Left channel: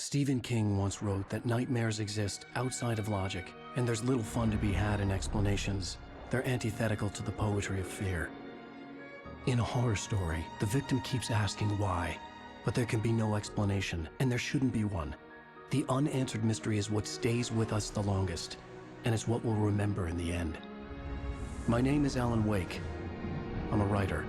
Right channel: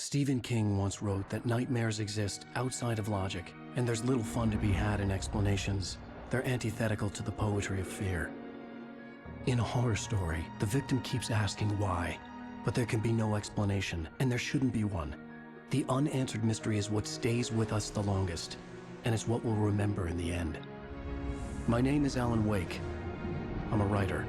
Stephen King once wrote that nightmares exist outside of logic, and there's little fun to be had in explanations. They're antithetical to the poetry of fear. In a horror story, the victim keeps asking why, but there can be no explanation, and there shouldn't be one. The unanswered mystery is what stays with us the longest, and it's what we'll remember in the end. My name is Alan Wake. I'm a writer.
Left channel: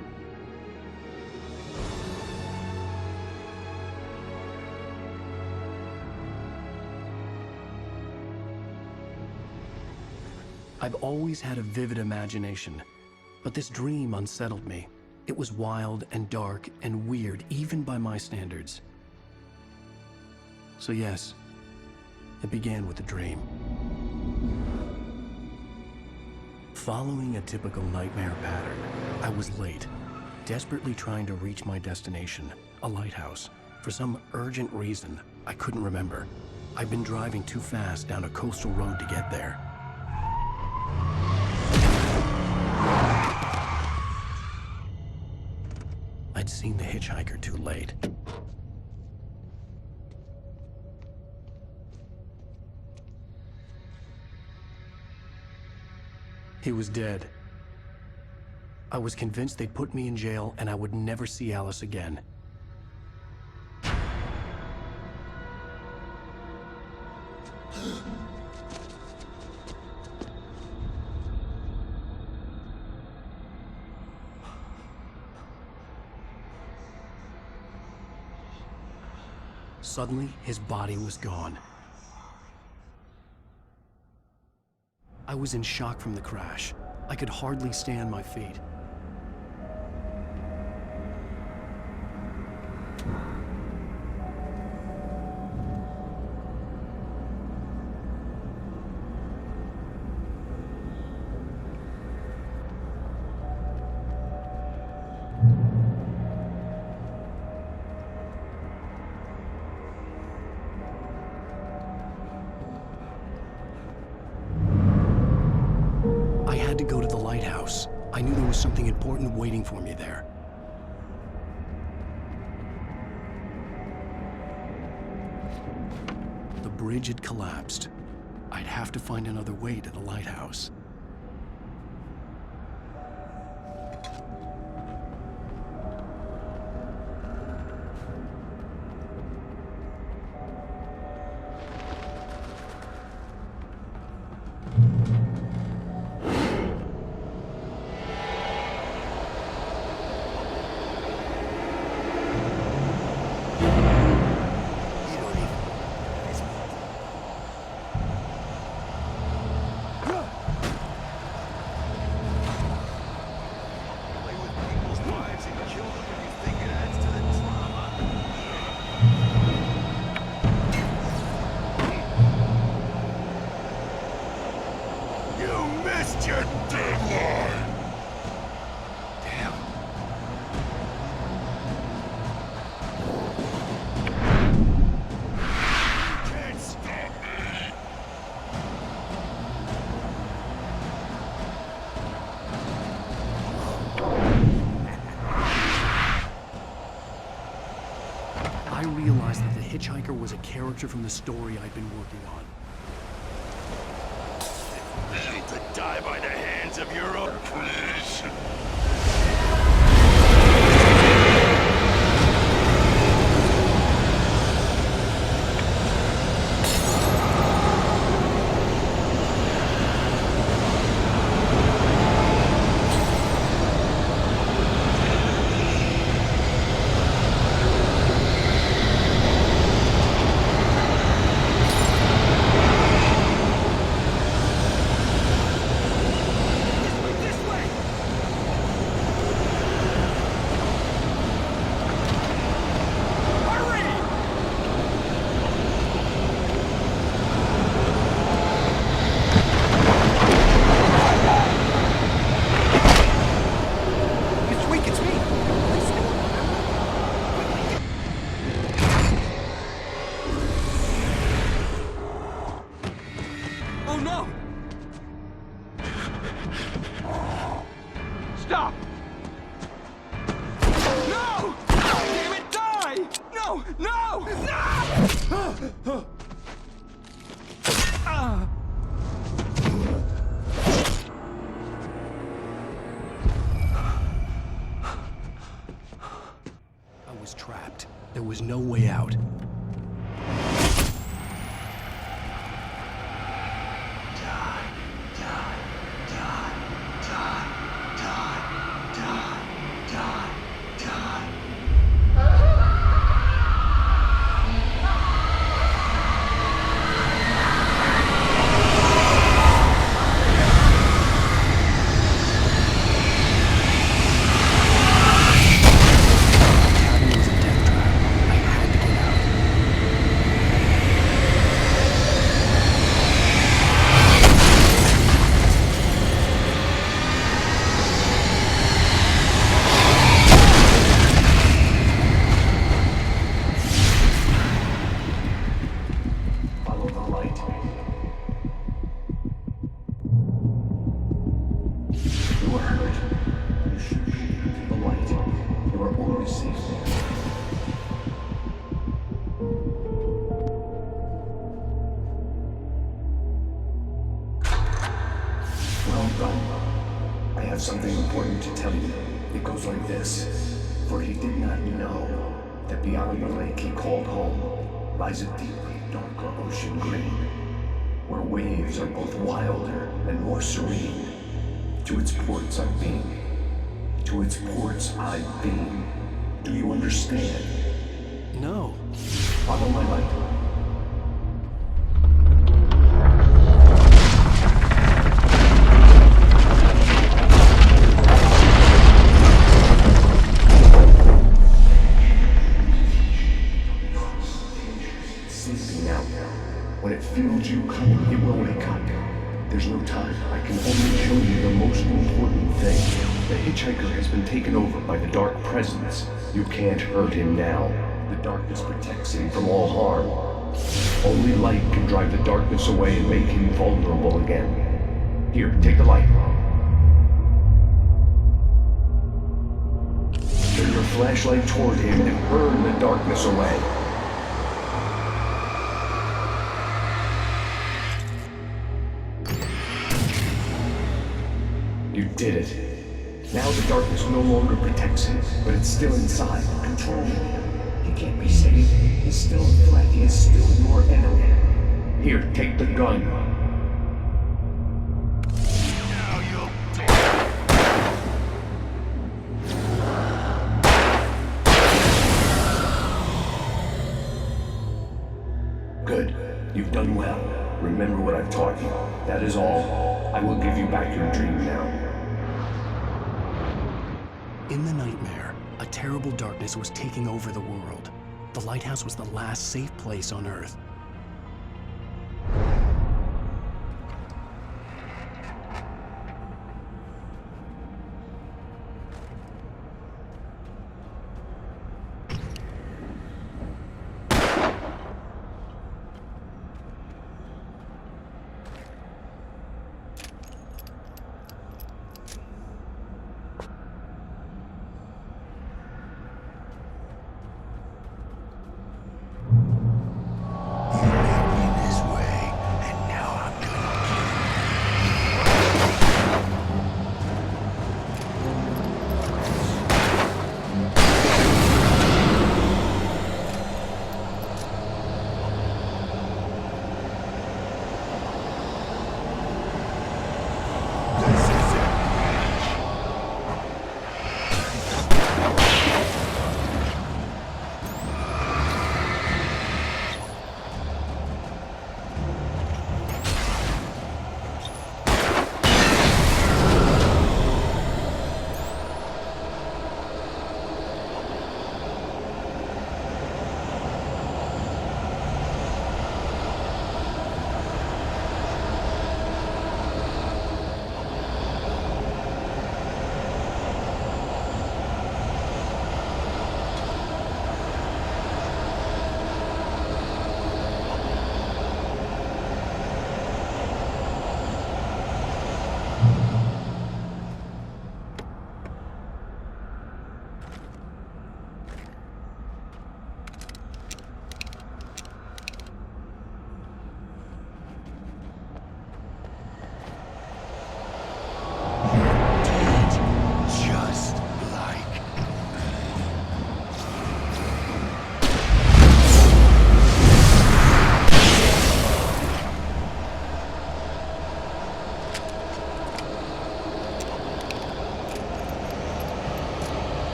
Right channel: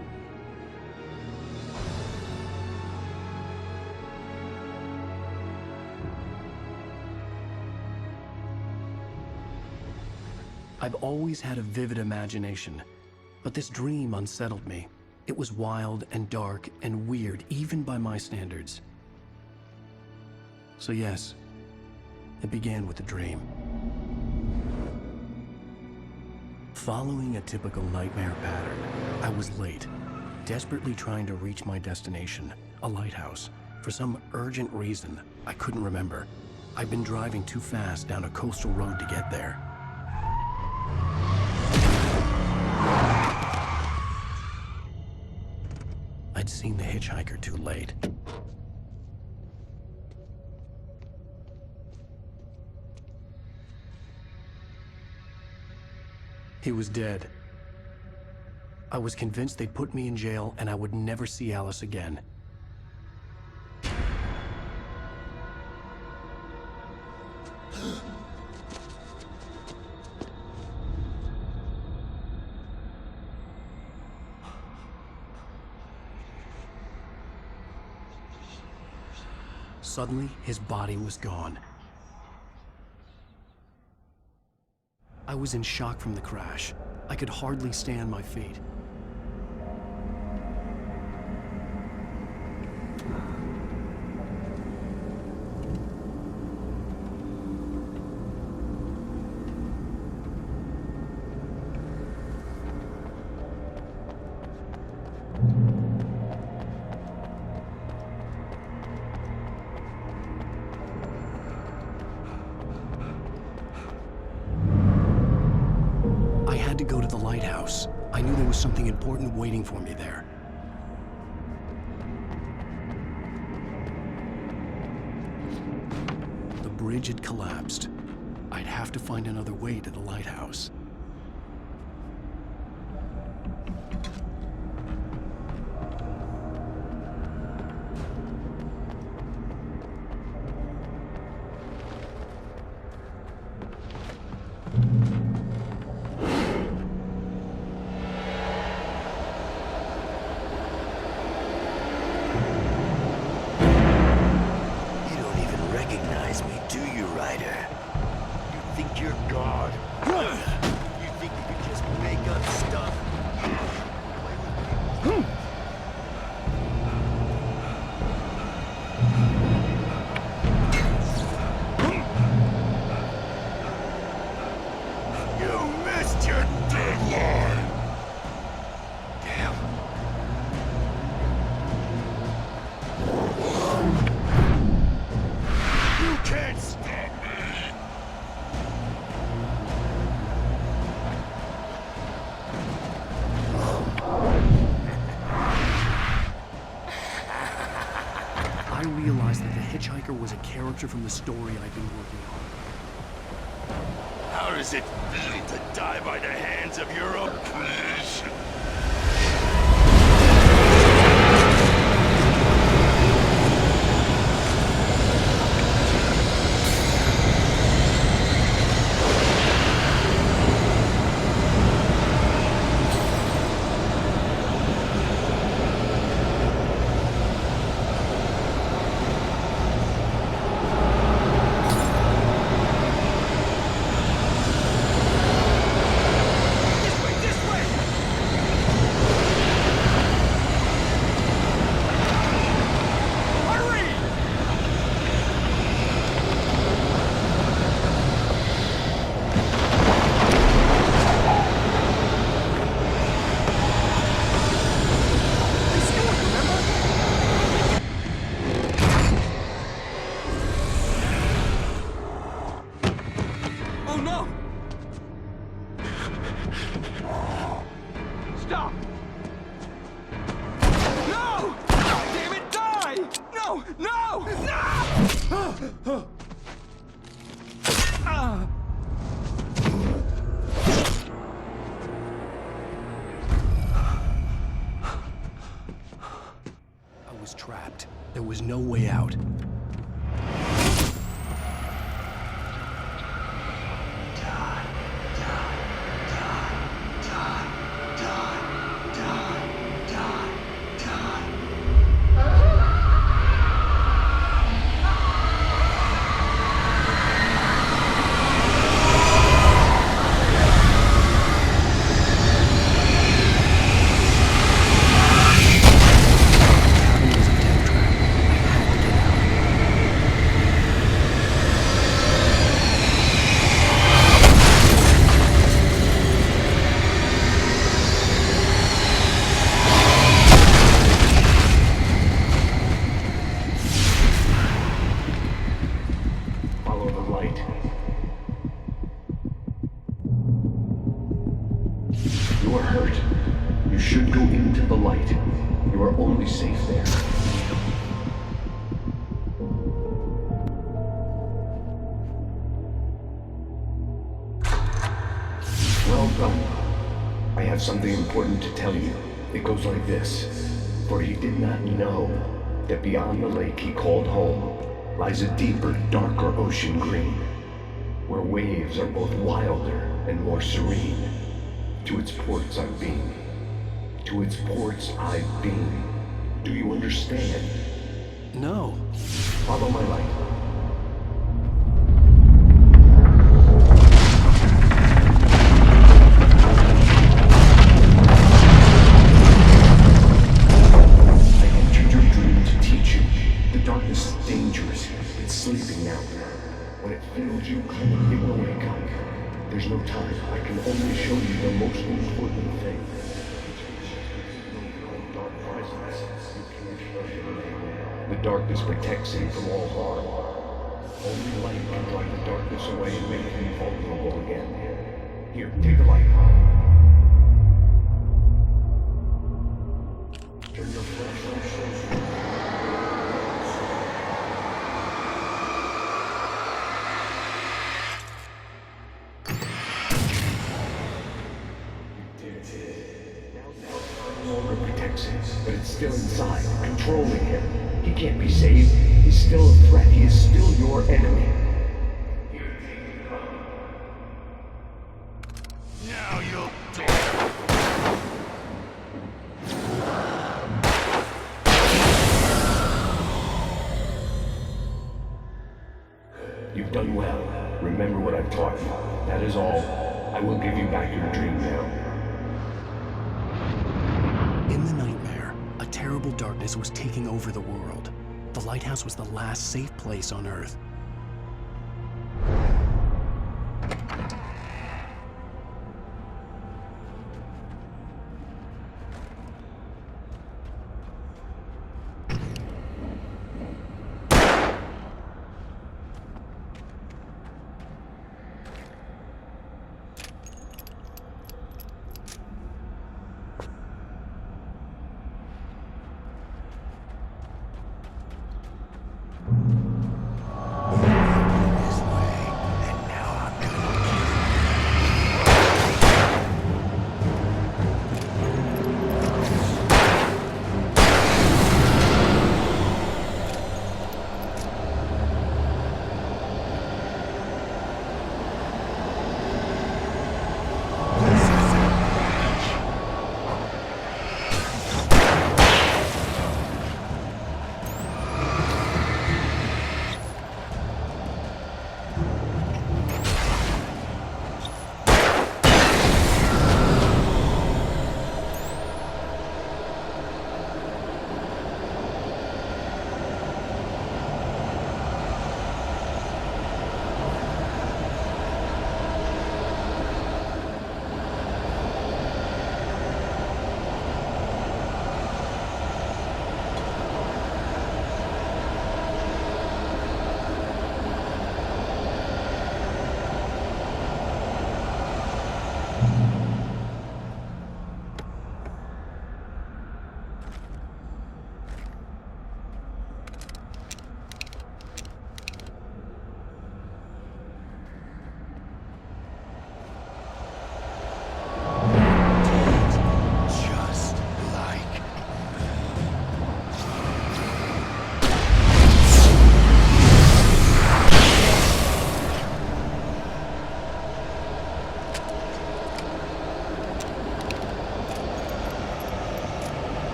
I've always had a vivid imagination, but this dream unsettled me. It was wild and dark and weird, even by my standards. So yes, it began with a dream. Following a typical nightmare pattern, I was late, desperately trying to reach my destination, a lighthouse. For some urgent reason, I couldn't remember. I'd been driving too fast down a coastal road to get there. I'd seen the hitchhiker too late. He was dead. I was convinced they'd put me in jail and I would never see Alice again. Suddenly, his body was gone. I was in shock from the crash. I could hardly stay on my feet. To go to the lighthouse. I knew there was something important waiting for me there. The bridge had collapsed. I'd have to find another way to the lighthouse. Your deadline! Damn. You can't stop me! I realized that the hitchhiker was a character from the story I'd been working on. How does it feel to die by the hands of your own creation? trapped. There was no way out. You are hurt. You should go into the light. You are only safe there. Well done. I have something important to tell you. It goes like this. For he did not know that beyond the lake he called home lies a deeper, darker ocean green, where waves are both wilder and more serene. To its ports I've been. To its ports I've been. Do you understand? No. Follow my light. I entered your dream to teach you. The darkness is dangerous. It's sleeping now. When it feels you coming, it will wake up. There's no time. I can only show you the most important thing. The hitchhiker has been taken over by the dark presence. You can't hurt him now. The darkness protects him from all harm. Only light can drive the darkness away and make him vulnerable again. Here, take the light. Turn your flashlight toward him and burn the darkness away. You did it. Now the darkness no longer protects him, but it's still inside, controlling him. He can't be saved. He's still a threat. He is still your enemy. Here, take the gun. Now you'll die. Good. You've done well. Remember what I've taught you. That is all. I will give you back your dream now. In the nightmare, a terrible darkness was taking over the world. The lighthouse was the last safe place on Earth.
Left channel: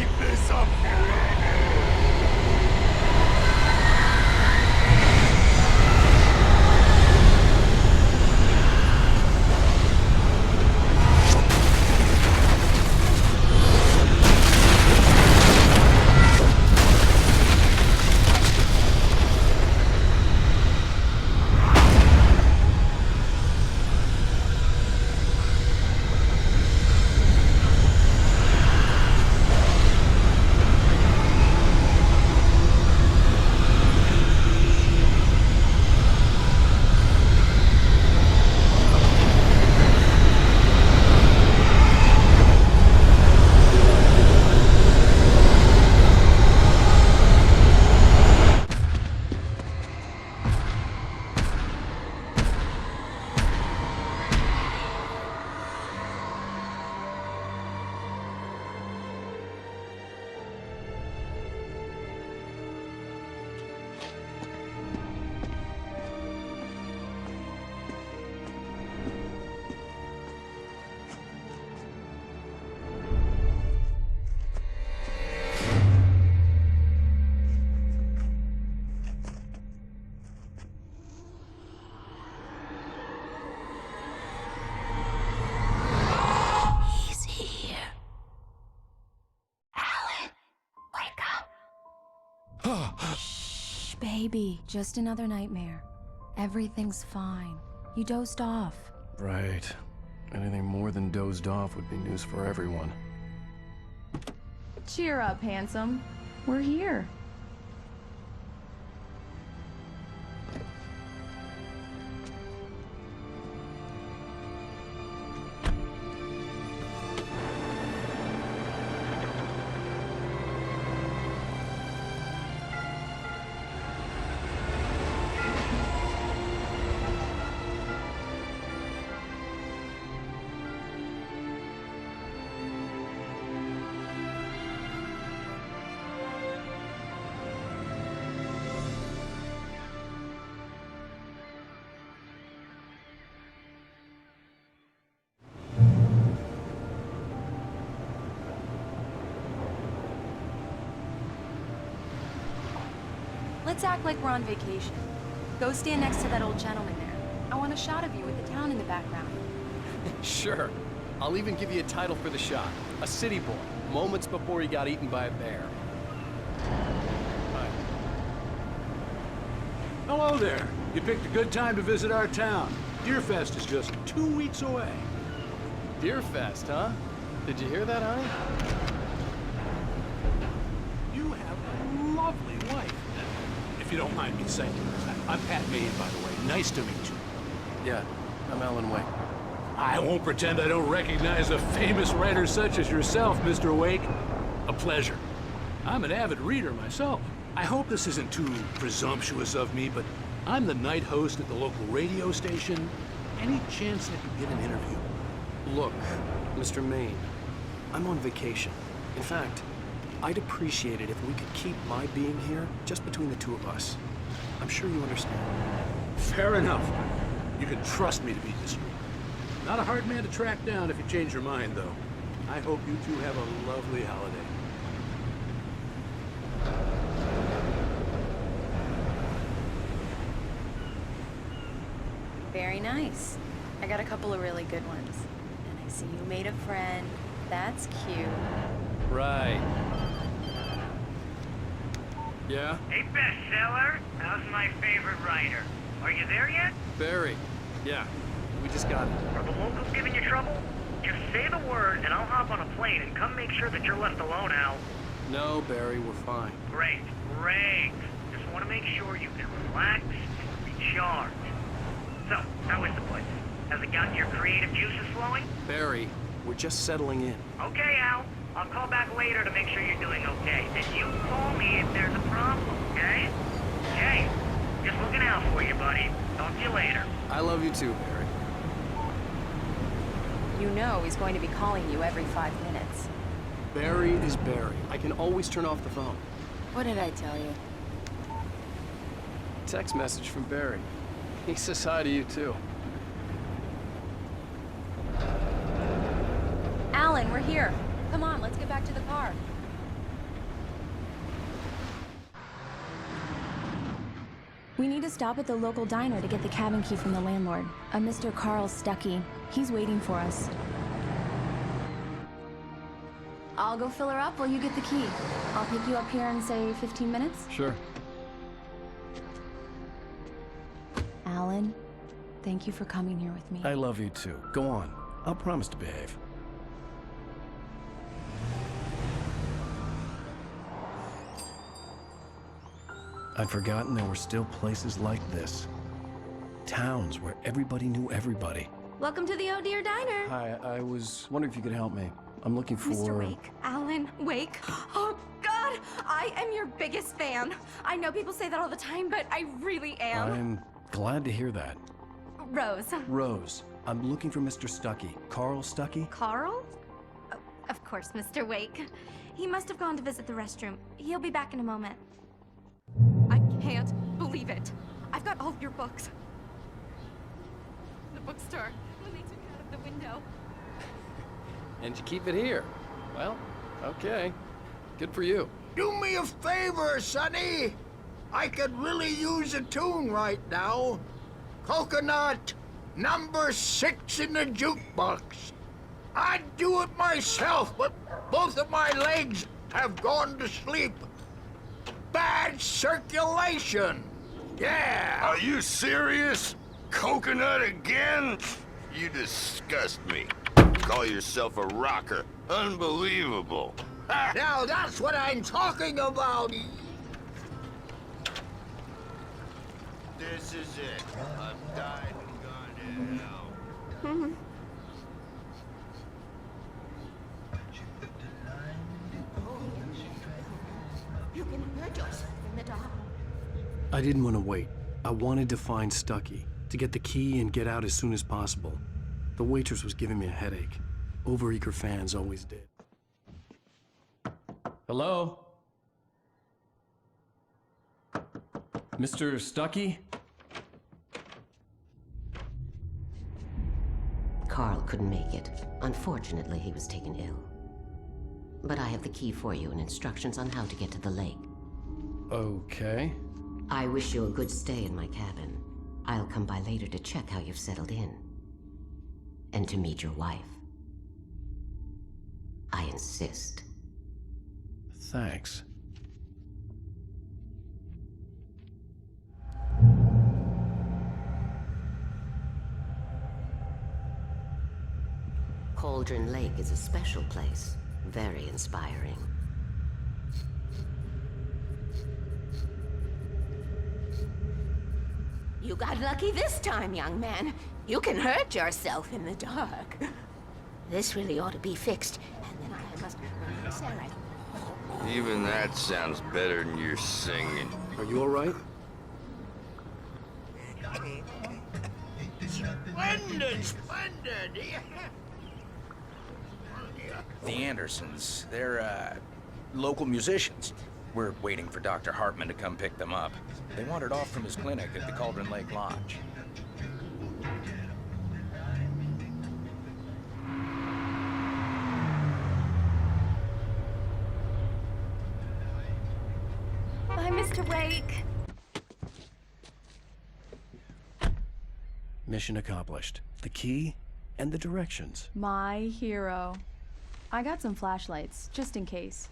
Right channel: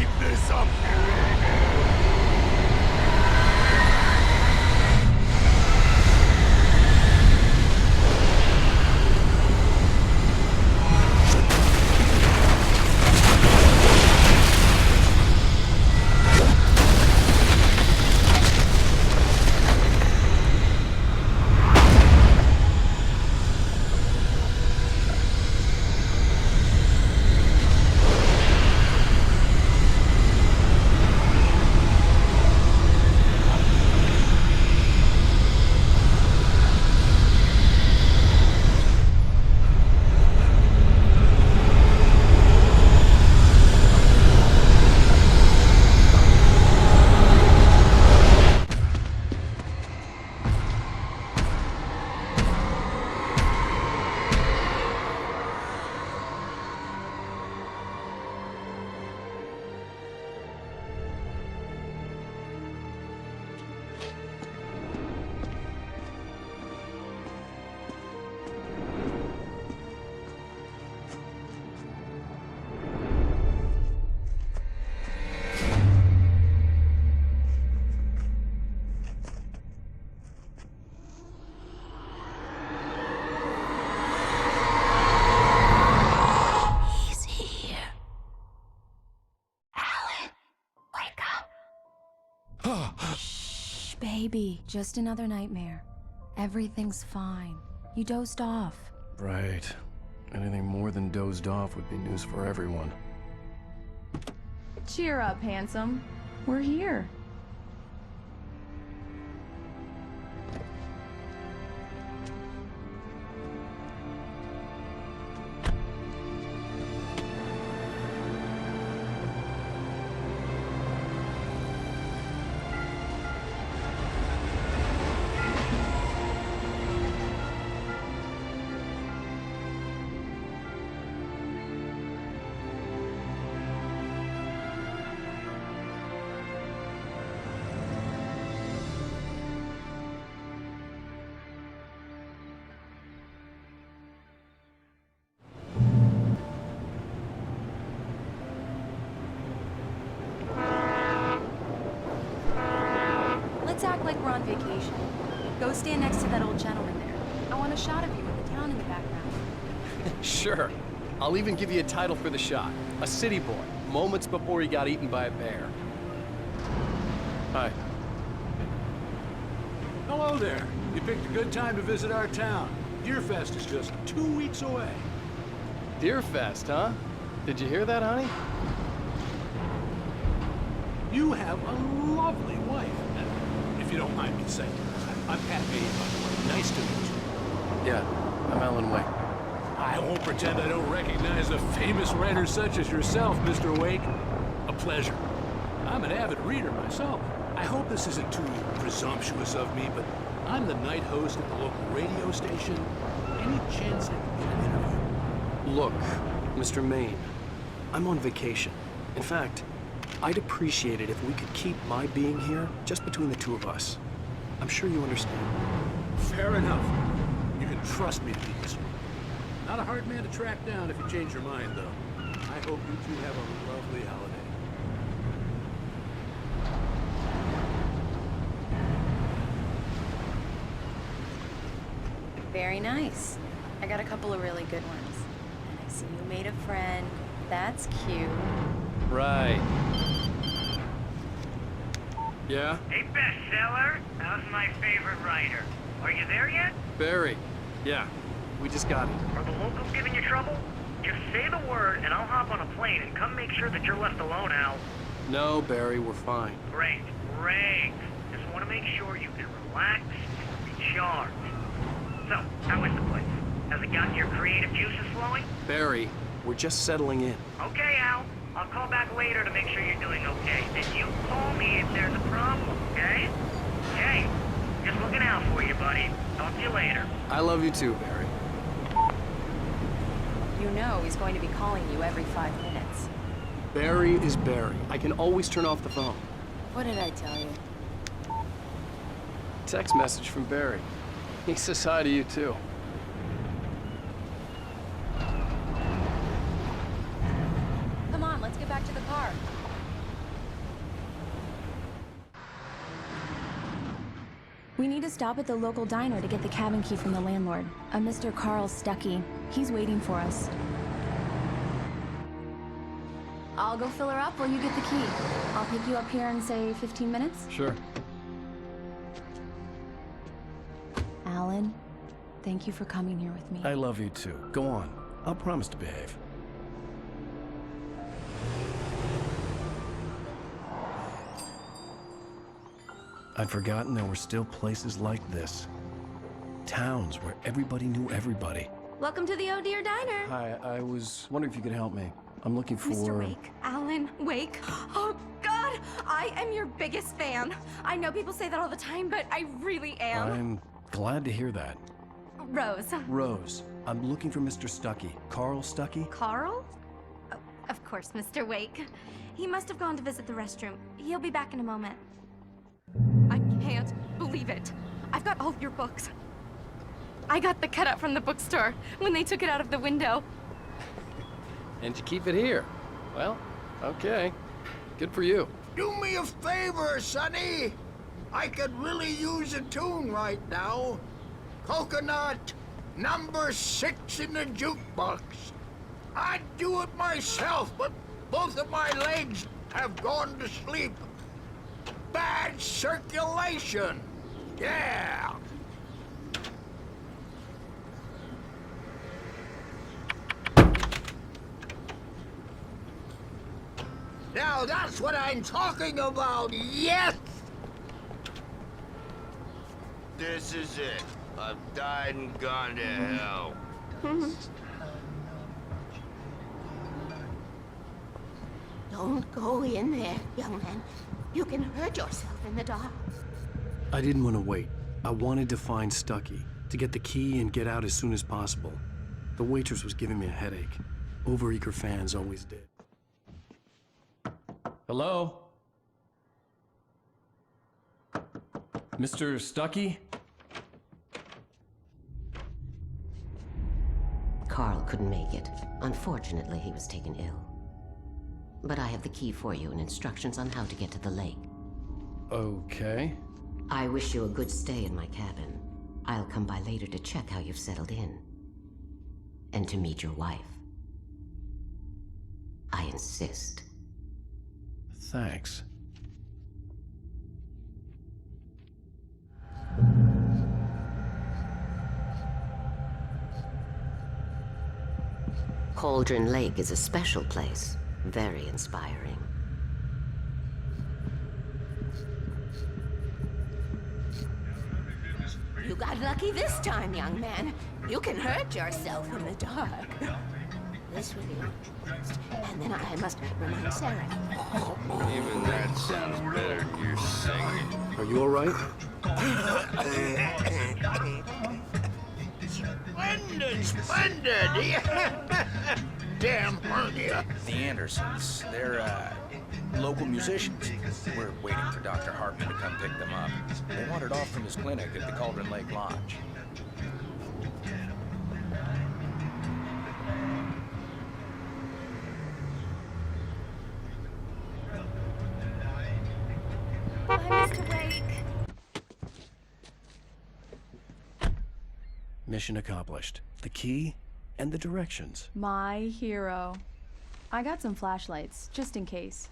keep this up forever! Shh, baby. Just another nightmare. Everything's fine. You dozed off. Right. Anything more than dozed off would be news for everyone. Cheer up, handsome. We're here. Let's act like we're on vacation. Go stand next to that old gentleman there. I want a shot of you with the town in the background. Sure. I'll even give you a title for the shot. A city boy, moments before he got eaten by a bear. Hi. Hello there. You picked a good time to visit our town. Deerfest is just 2 weeks away. Deerfest, huh? Did you hear that, honey? You have a lovely wife. If you don't mind me saying. I'm Pat Maine, by the way. Nice to meet you. Yeah, I'm Alan Wake. I won't pretend I don't recognize a famous writer such as yourself, Mr. Wake. A pleasure. I'm an avid reader myself. I hope this isn't too presumptuous of me, but I'm the night host at the local radio station. Any chance I could get an interview? Look, Mr. Maine, I'm on vacation. In fact, I'd appreciate it if we could keep my being here just between the two of us. I'm sure you understand. Fair enough. You can trust me to be discreet. Not a hard man to track down if you change your mind, though. I hope you two have a lovely holiday. Very nice. I got a couple of really good ones. And I see you made a friend. That's cute. Right. Yeah? Hey, bestseller, how's my favorite writer? Are you there yet? Barry. Yeah. We just got it. Are the locals giving you trouble? Just say the word and I'll hop on a plane and come make sure that you're left alone, Al. No, Barry, we're fine. Great, great. Just want to make sure you can relax and recharge. So, how is the place? Has it gotten your creative juices flowing? Barry, we're just settling in. Okay, Al. I'll call back later to make sure you're doing okay. Then you call me if there's a problem, okay? Okay. Just looking out for you, buddy. Talk to you later. I love you too, Barry. You know he's going to be calling you every 5 minutes. Barry is Barry. I can always turn off the phone. What did I tell you? Text message from Barry. He says hi to you too. Alan, we're here. Come on, let's get back to the car. We need to stop at the local diner to get the cabin key from the landlord, a Mr. Carl Stuckey. He's waiting for us. I'll go fill her up while you get the key. I'll pick you up here in, say, 15 minutes? Sure. Alan, thank you for coming here with me. I love you too. Go on. I'll promise to behave. I'd forgotten there were still places like this. Towns where everybody knew everybody. Welcome to the Oh Dear Diner. Hi, I was wondering if you could help me. I'm looking for... Mr. Wake. Alan Wake. Oh, God! I am your biggest fan. I know people say that all the time, but I really am. I'm glad to hear that. Rose. Rose, I'm looking for Mr. Stuckey. Carl Stuckey? Carl? Oh, of course, Mr. Wake. He must have gone to visit the restroom. He'll be back in a moment. I can't believe it. I've got all your books. I got the cutout from the bookstore when they took it out of the window. And you keep it here. Well, okay. Good for you. Do me a favor, Sonny. I could really use a tune right now. Coconut, number 6 in the jukebox. I'd do it myself, but both of my legs have gone to sleep. Bad circulation. Yeah. Are you serious? Coconut again? You disgust me. Call yourself a rocker. Unbelievable. Now that's what I'm talking about, yes! This is it. I've died and gone to hell. Don't go in there, young man. You can hurt yourself in the dark. I didn't want to wait. I wanted to find Stuckey, to get the key and get out as soon as possible. The waitress was giving me a headache. Overeager fans always did. Hello? Mr. Stuckey? Carl couldn't make it. Unfortunately, he was taken ill. But I have the key for you and instructions on how to get to the lake. Okay. I wish you a good stay in my cabin. I'll come by later to check how you've settled in. And to meet your wife. I insist. Thanks. Cauldron Lake is a special place. Very inspiring. You got lucky this time, young man. You can hurt yourself in the dark. This really ought to be fixed, and then I must remind Sarah. Even that sounds better than your singing. Are you all right? Splendid, splendid! Damn hernia. The Andersons, they're, local musicians. We're waiting for Dr. Hartman to come pick them up. They wandered off from his clinic at the Cauldron Lake Lodge. Bye, Mr. Wake. Mission accomplished. The key and the directions. My hero. I got some flashlights, just in case.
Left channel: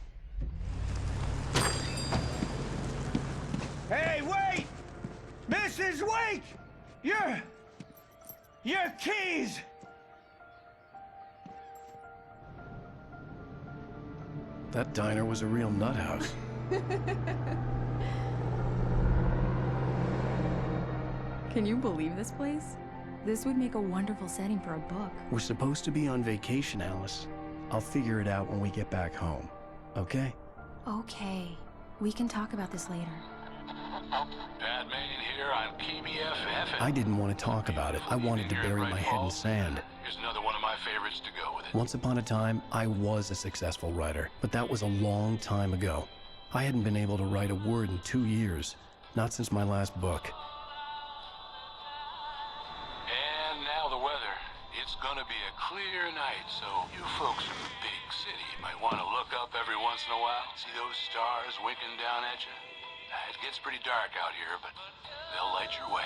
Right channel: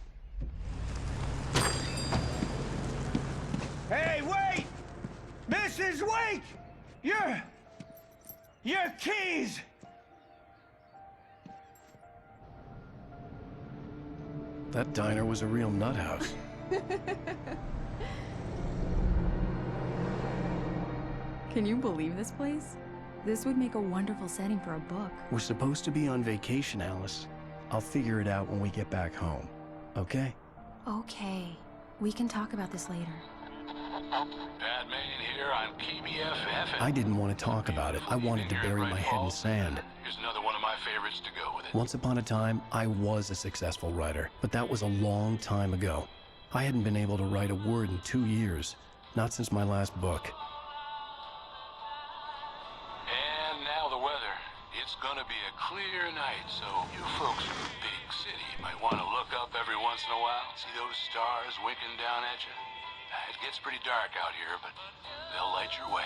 Hey, wait! Mrs. Wake! Your keys! That diner was a real nut house. Can you believe this place? This would make a wonderful setting for a book. We're supposed to be on vacation, Alice. I'll figure it out when we get back home. Okay? Okay. We can talk about this later. Batman here on PBFF. I didn't want to talk about it. I wanted to bury my head in sand. Here's another one of my favorites to go with it. Once upon a time, I was a successful writer, but that was a long time ago. I hadn't been able to write a word in 2 years, not since my last book. And now the weather. It's gonna be a clear night, so you folks in the big city might want to look up every once in a while, see those stars winking down at you. It gets pretty dark out here, but they'll light your way.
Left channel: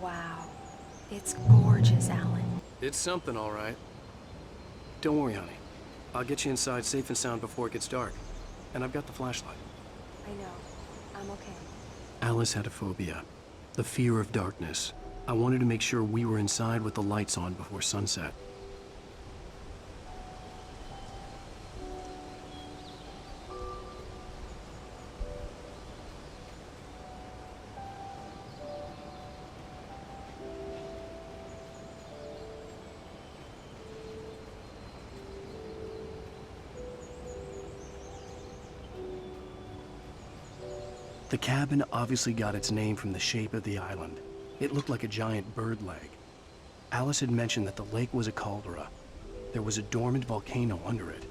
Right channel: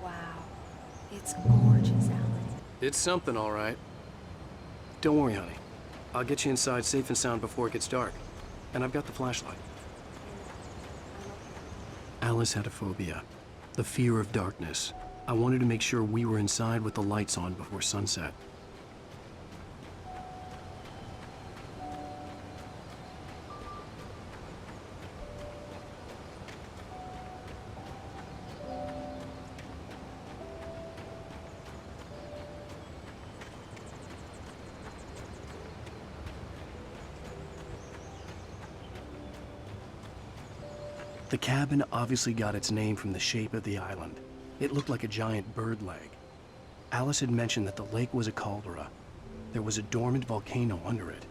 Wow. It's gorgeous, Alan. It's something, all right. Don't worry, honey. I'll get you inside safe and sound before it gets dark. And I've got the flashlight. I know. I'm okay. Alice had a phobia, the fear of darkness. I wanted to make sure we were inside with the lights on before sunset. The cabin obviously got its name from the shape of the island. It looked like a giant bird leg. Alice had mentioned that the lake was a caldera. There was a dormant volcano under it.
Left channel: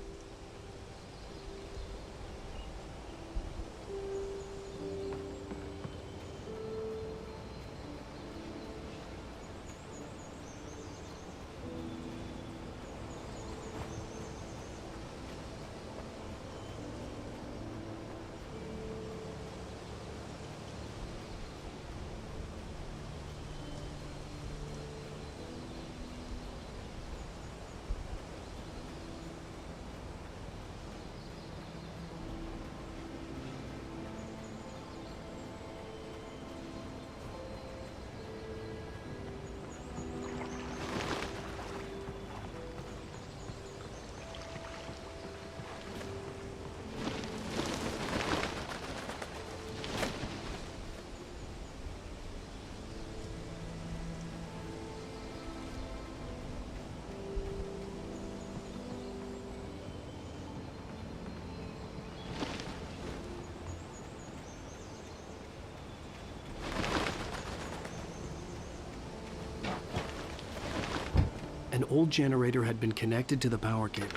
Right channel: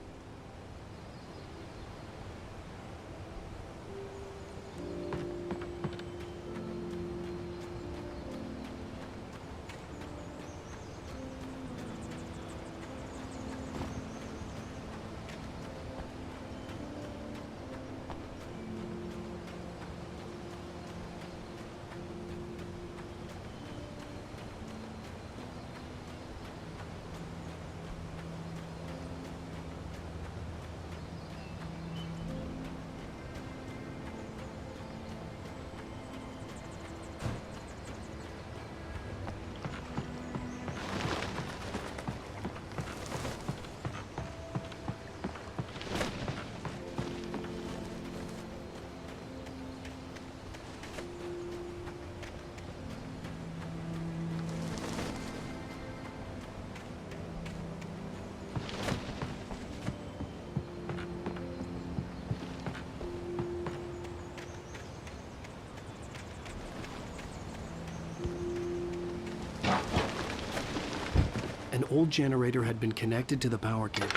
An old generator had been connected to the power cable.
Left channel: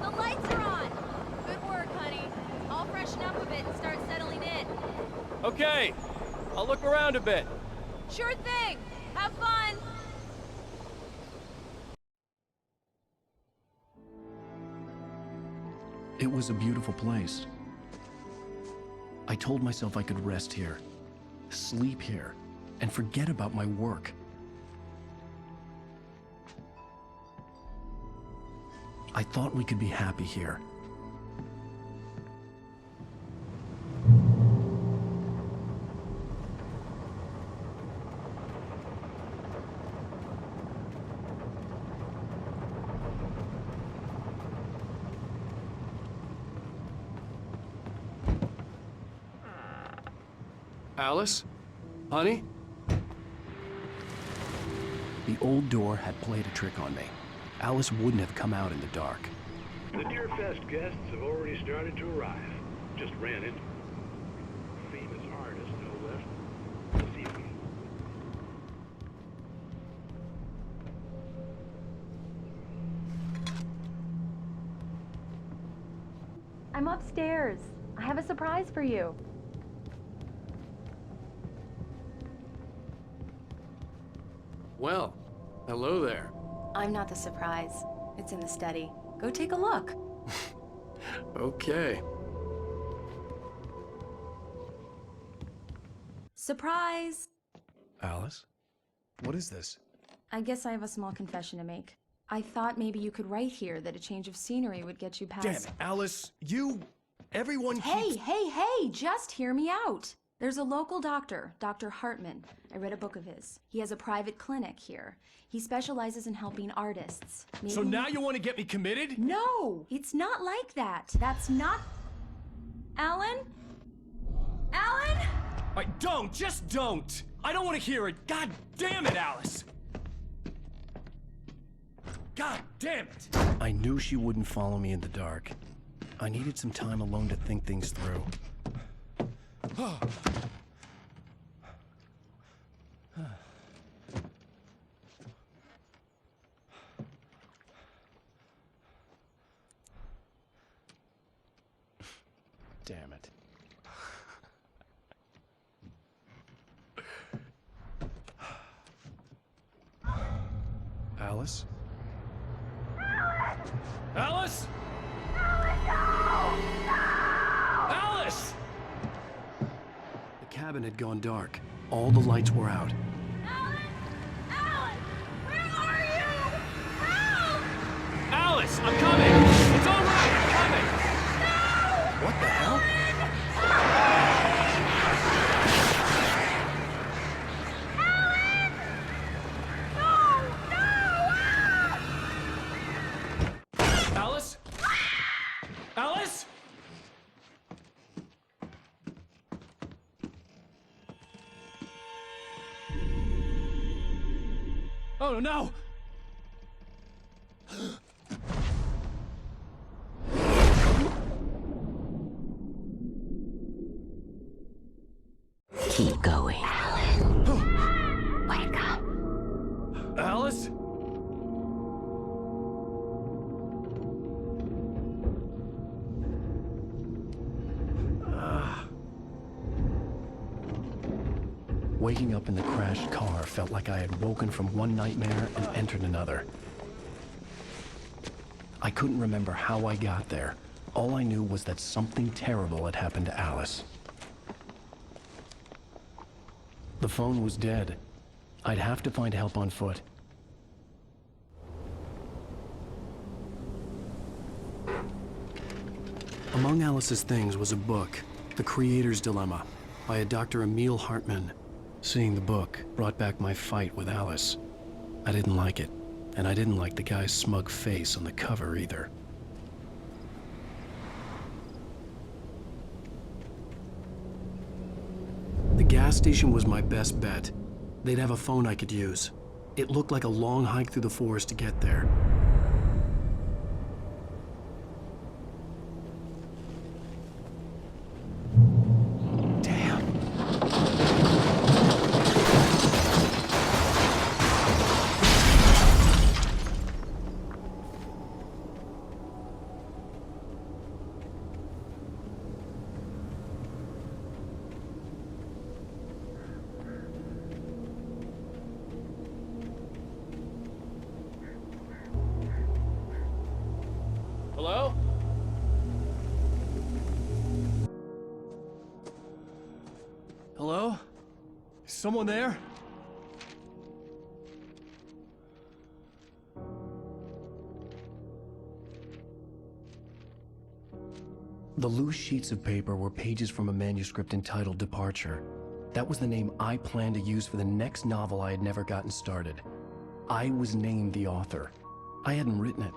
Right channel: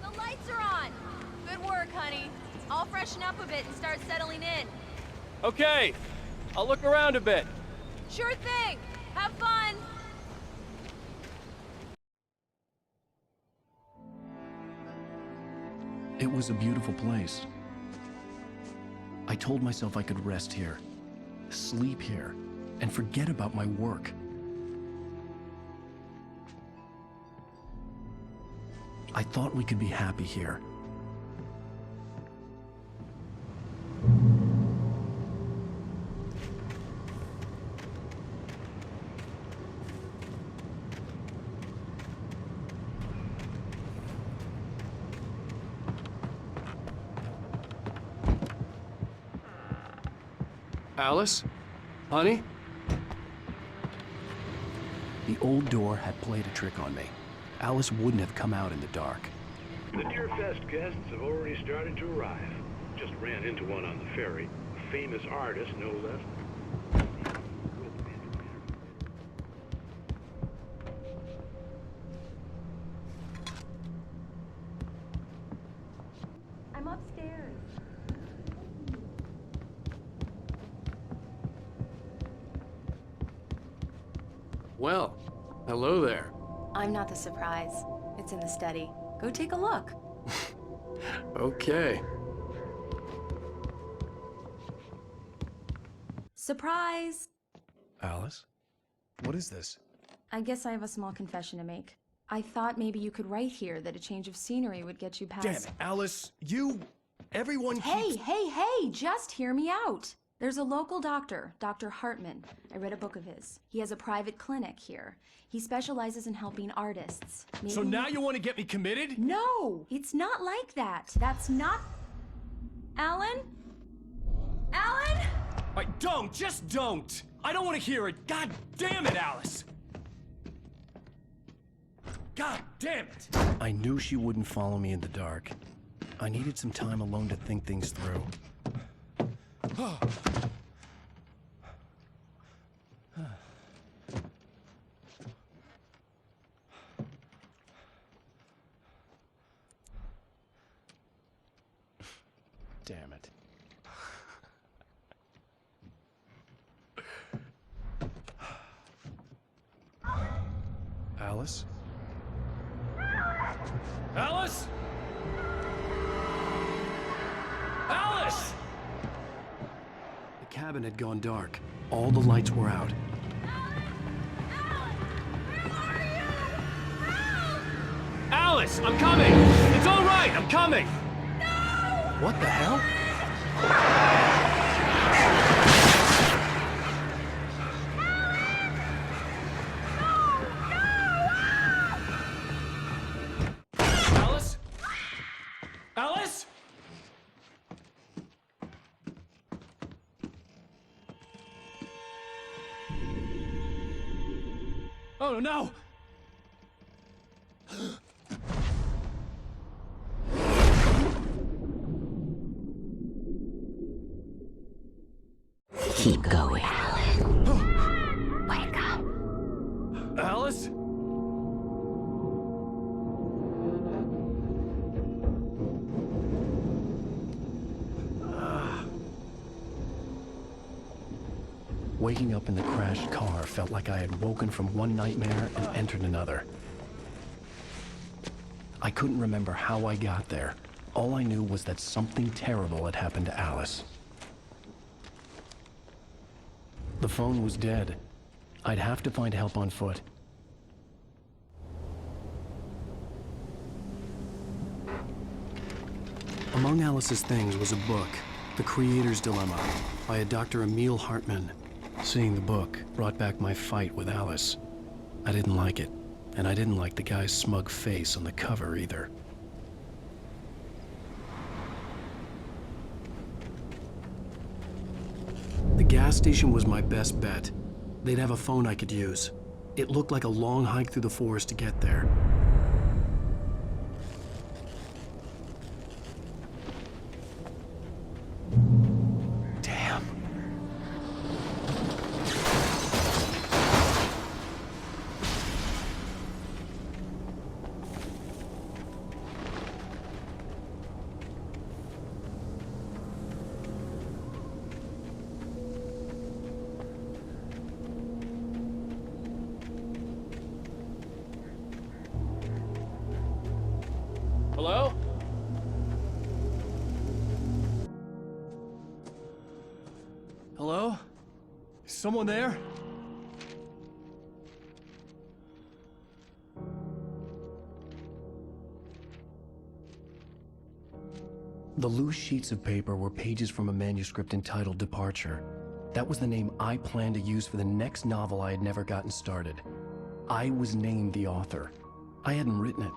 The lights are on! Good work, honey. I'll freshen up a bit and start settling in. Okay, I'll look around a bit. Sure thing! Have fun! It was a beautiful place. I told myself I could rest here, sleep here, and forget about my work. I thought we could be happy here. Alice? Honey? The old door had played a trick on me. Alice wouldn't have come out in the dark. The Deerfest guests have already started to arrive. Just ran into one on the ferry. A famous artist, no less. Let's see if we can rope him into an interview. I'm upstairs. I have a surprise for you. Well, hello there. I'm not the surprise. It's in the study. Go take a look. Okay. Surprise! Alice? What is this? I guess I have a small confession to make. I thought maybe you could write here that a change of scenery would get you past— Damn it, Alice! Everyone keeps— Hey, just hear me out! There's a local doctor, Dr. Hartman. I read a book of his. He has a private clinic here. He specializes in helping artists. So now you want to get me committed? No! It's not like that. That's not— Alan? Alan? Just don't! I don't want to hear it! God damn it, Alice! God damn it! I knew she wouldn't follow me in the dark. I needed some time alone to think things through. Damn it. Alice? Alice? Alice! The cabin had gone dark. All the lights were out. Alice, I'm coming! It's all right, I'm coming! What the hell? Alice? Alice? Oh no! Keep going, Alan. Wake up. Alice? Waking up in the crashed car felt like I had woken from one nightmare and entered another. I couldn't remember how I got there. All I knew was that something terrible had happened to Alice. The phone was dead. I'd have to find help on foot. Among Alice's things was a book, The Creator's Dilemma, by a Dr. Emil Hartman. Seeing the book brought back my fight with Alice. I didn't like it, and I didn't like the guy's smug face on the cover either. The gas station was my best bet. They'd have a phone I could use. It looked like a long hike through the forest to get there. Damn. Hello? Hello? Is someone there? The loose sheets of paper were pages from a manuscript entitled Departure. That was the name I planned to use for the next novel I had never gotten started. I was named the author. I hadn't written it.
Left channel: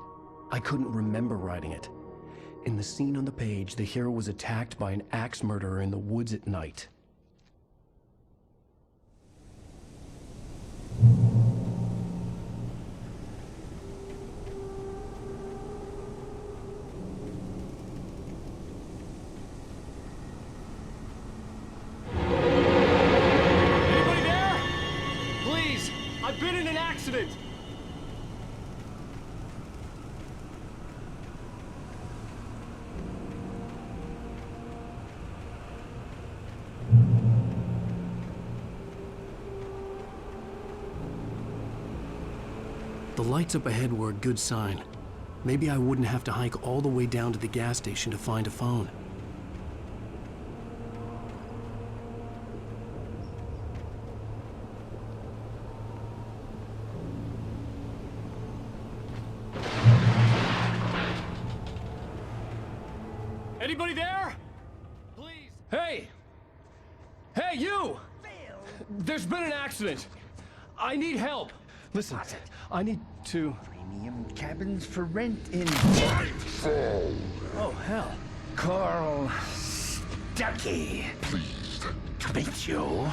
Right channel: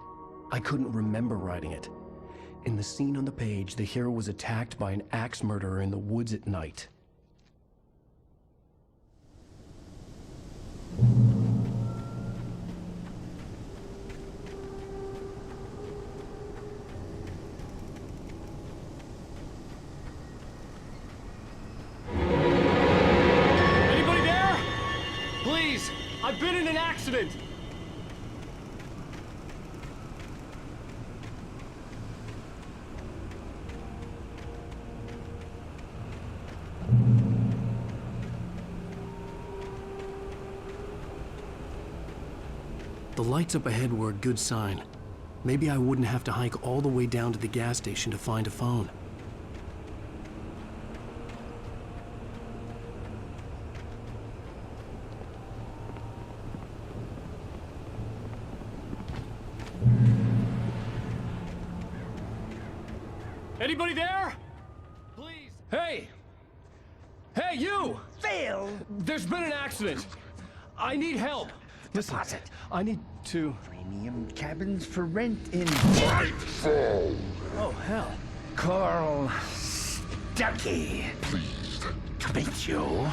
I couldn't remember writing it. In the scene on the page, the hero was attacked by an axe murderer in the woods at night. Anybody there? Please, I've been in an accident! The lights up ahead were a good sign. Maybe I wouldn't have to hike all the way down to the gas station to find a phone. Anybody there? Please! Hey! Hey, you! Phil! There's been an accident! I need help! Listen, I need to... Premium cabins for rent in Nightfall! Oh, hell. Carl Stuckey. Pleased To meet you.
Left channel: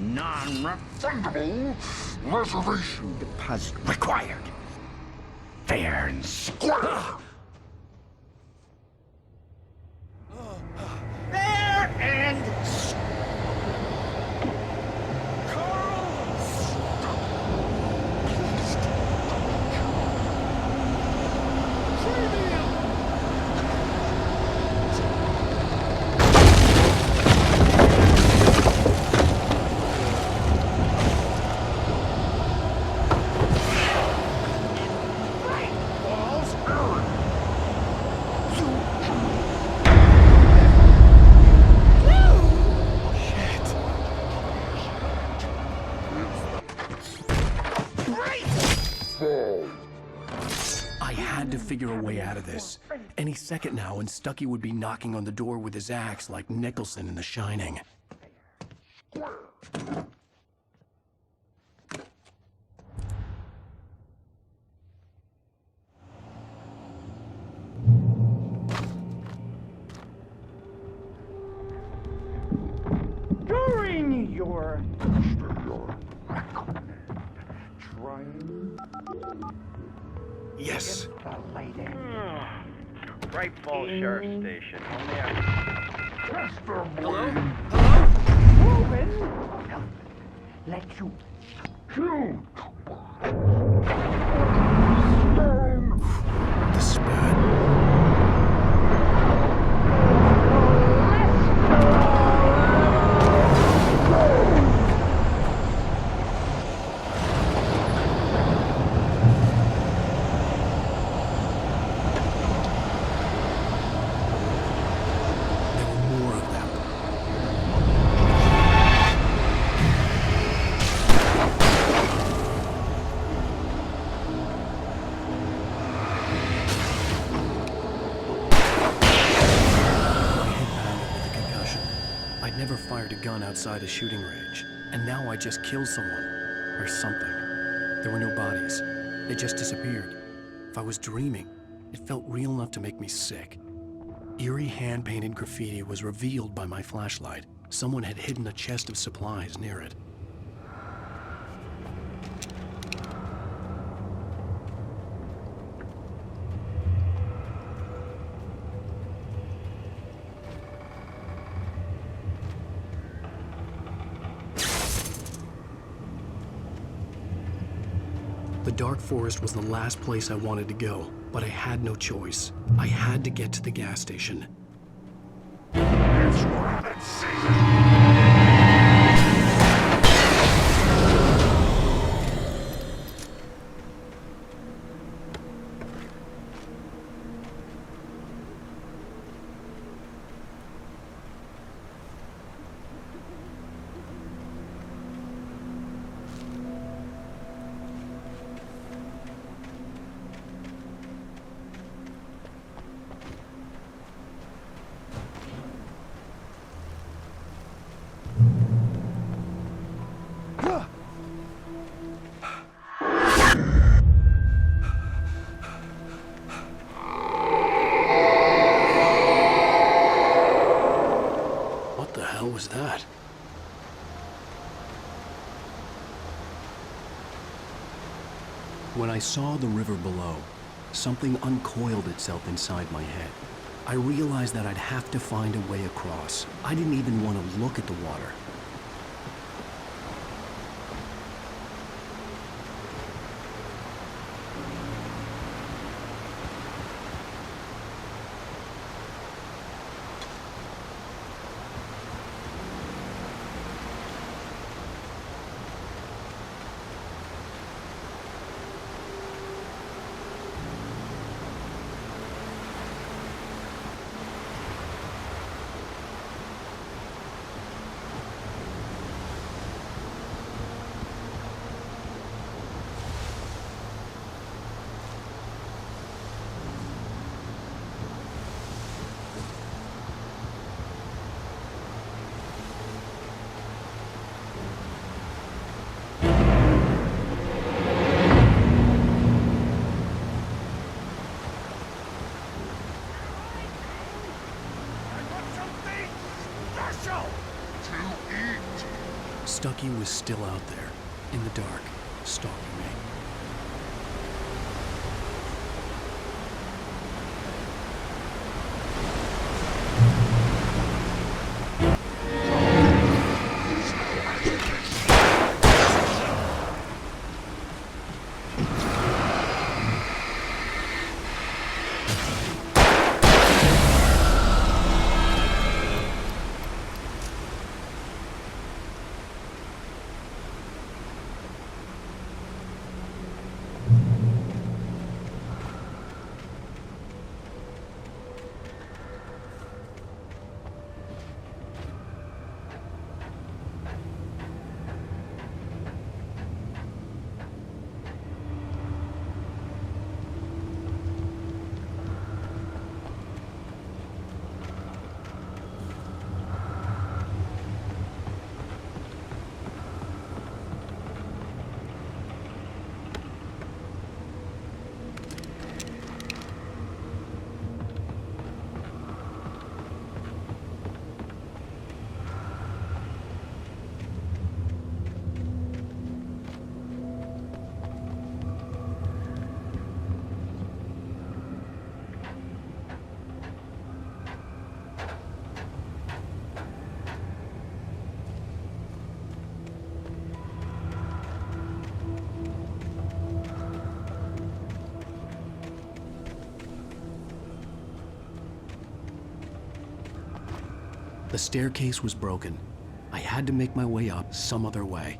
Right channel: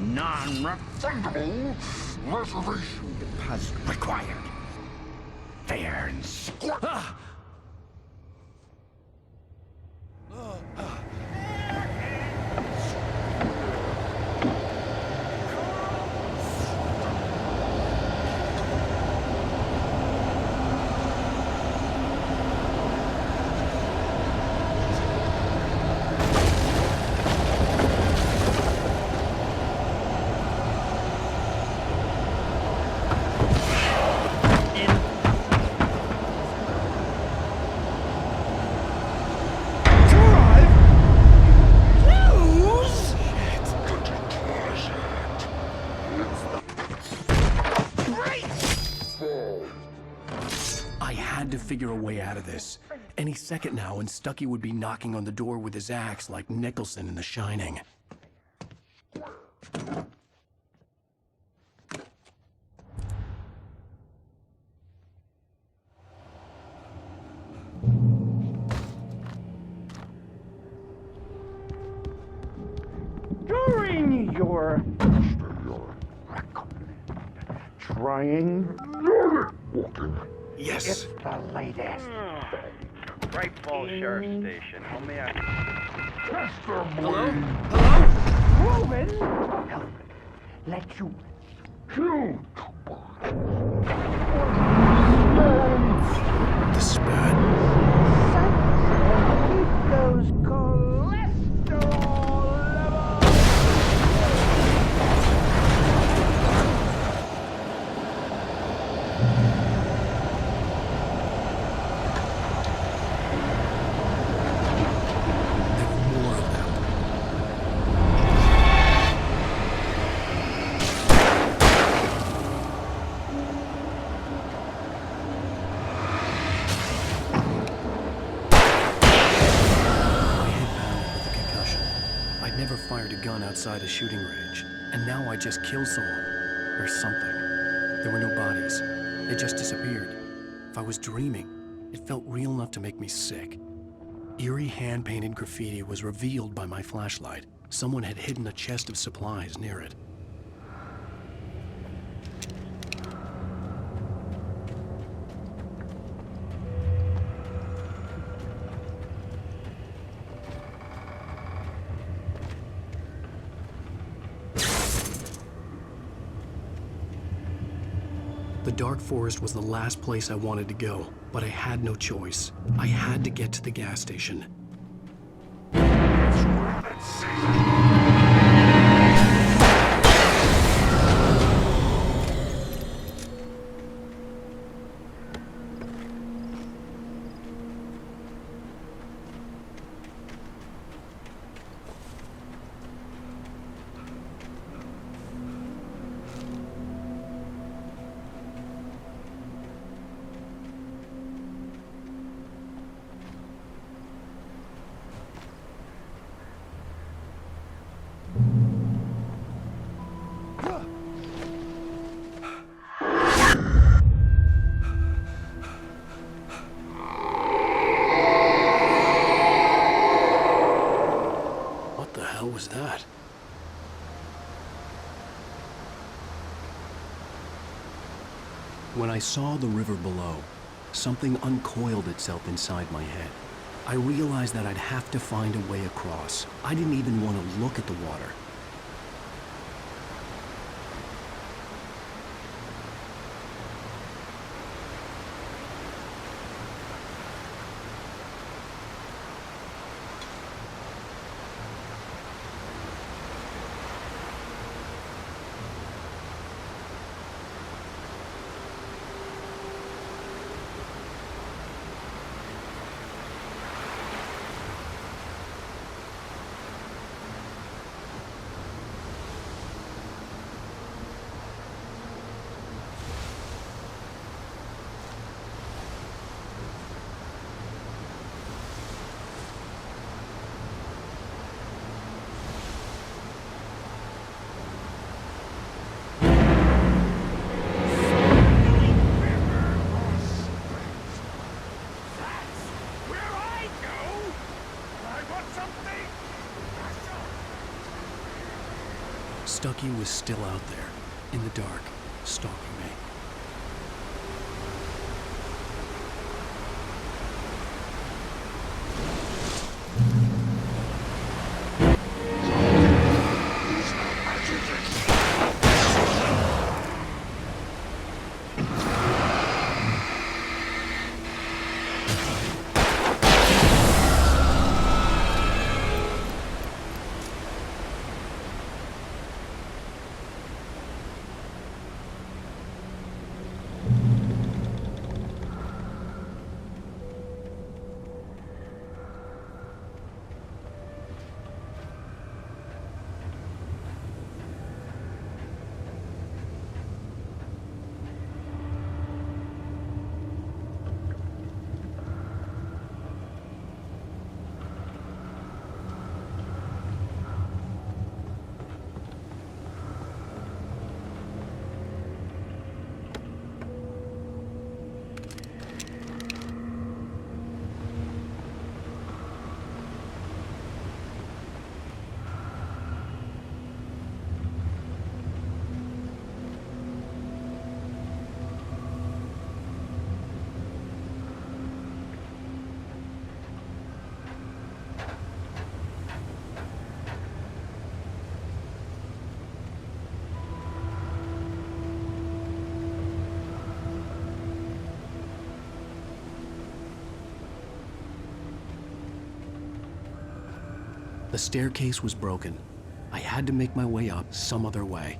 Non-refundable reservation deposit required. Fair and square. figure a way out of this. Any second now, and Stucky would be knocking on the door with his axe like Nicholson in The Shining. During your trying Yes. the latest. Bright Falls Sheriff Station. Only Hello? Hello? Proven. Let you shoot. This is bad. There were more of them. My head pounded with a concussion. I'd never fired a gun outside a shooting range, and now I just killed someone. Or something. There were no bodies. They just disappeared. If I was dreaming, it felt real enough to make me sick. Eerie hand-painted graffiti was revealed by my flashlight. Someone had hidden a chest of supplies near it. The dark forest was the last place I wanted to go, but I had no choice. I had to get to the gas station. It's rabbit season. What the hell was that? When I saw the river below, something uncoiled itself inside my head. I realized that I'd have to find a way across. I didn't even want to look at the water. Stucky was still out there, in the dark, stalking me. The staircase was broken. I had to make my way up some other way.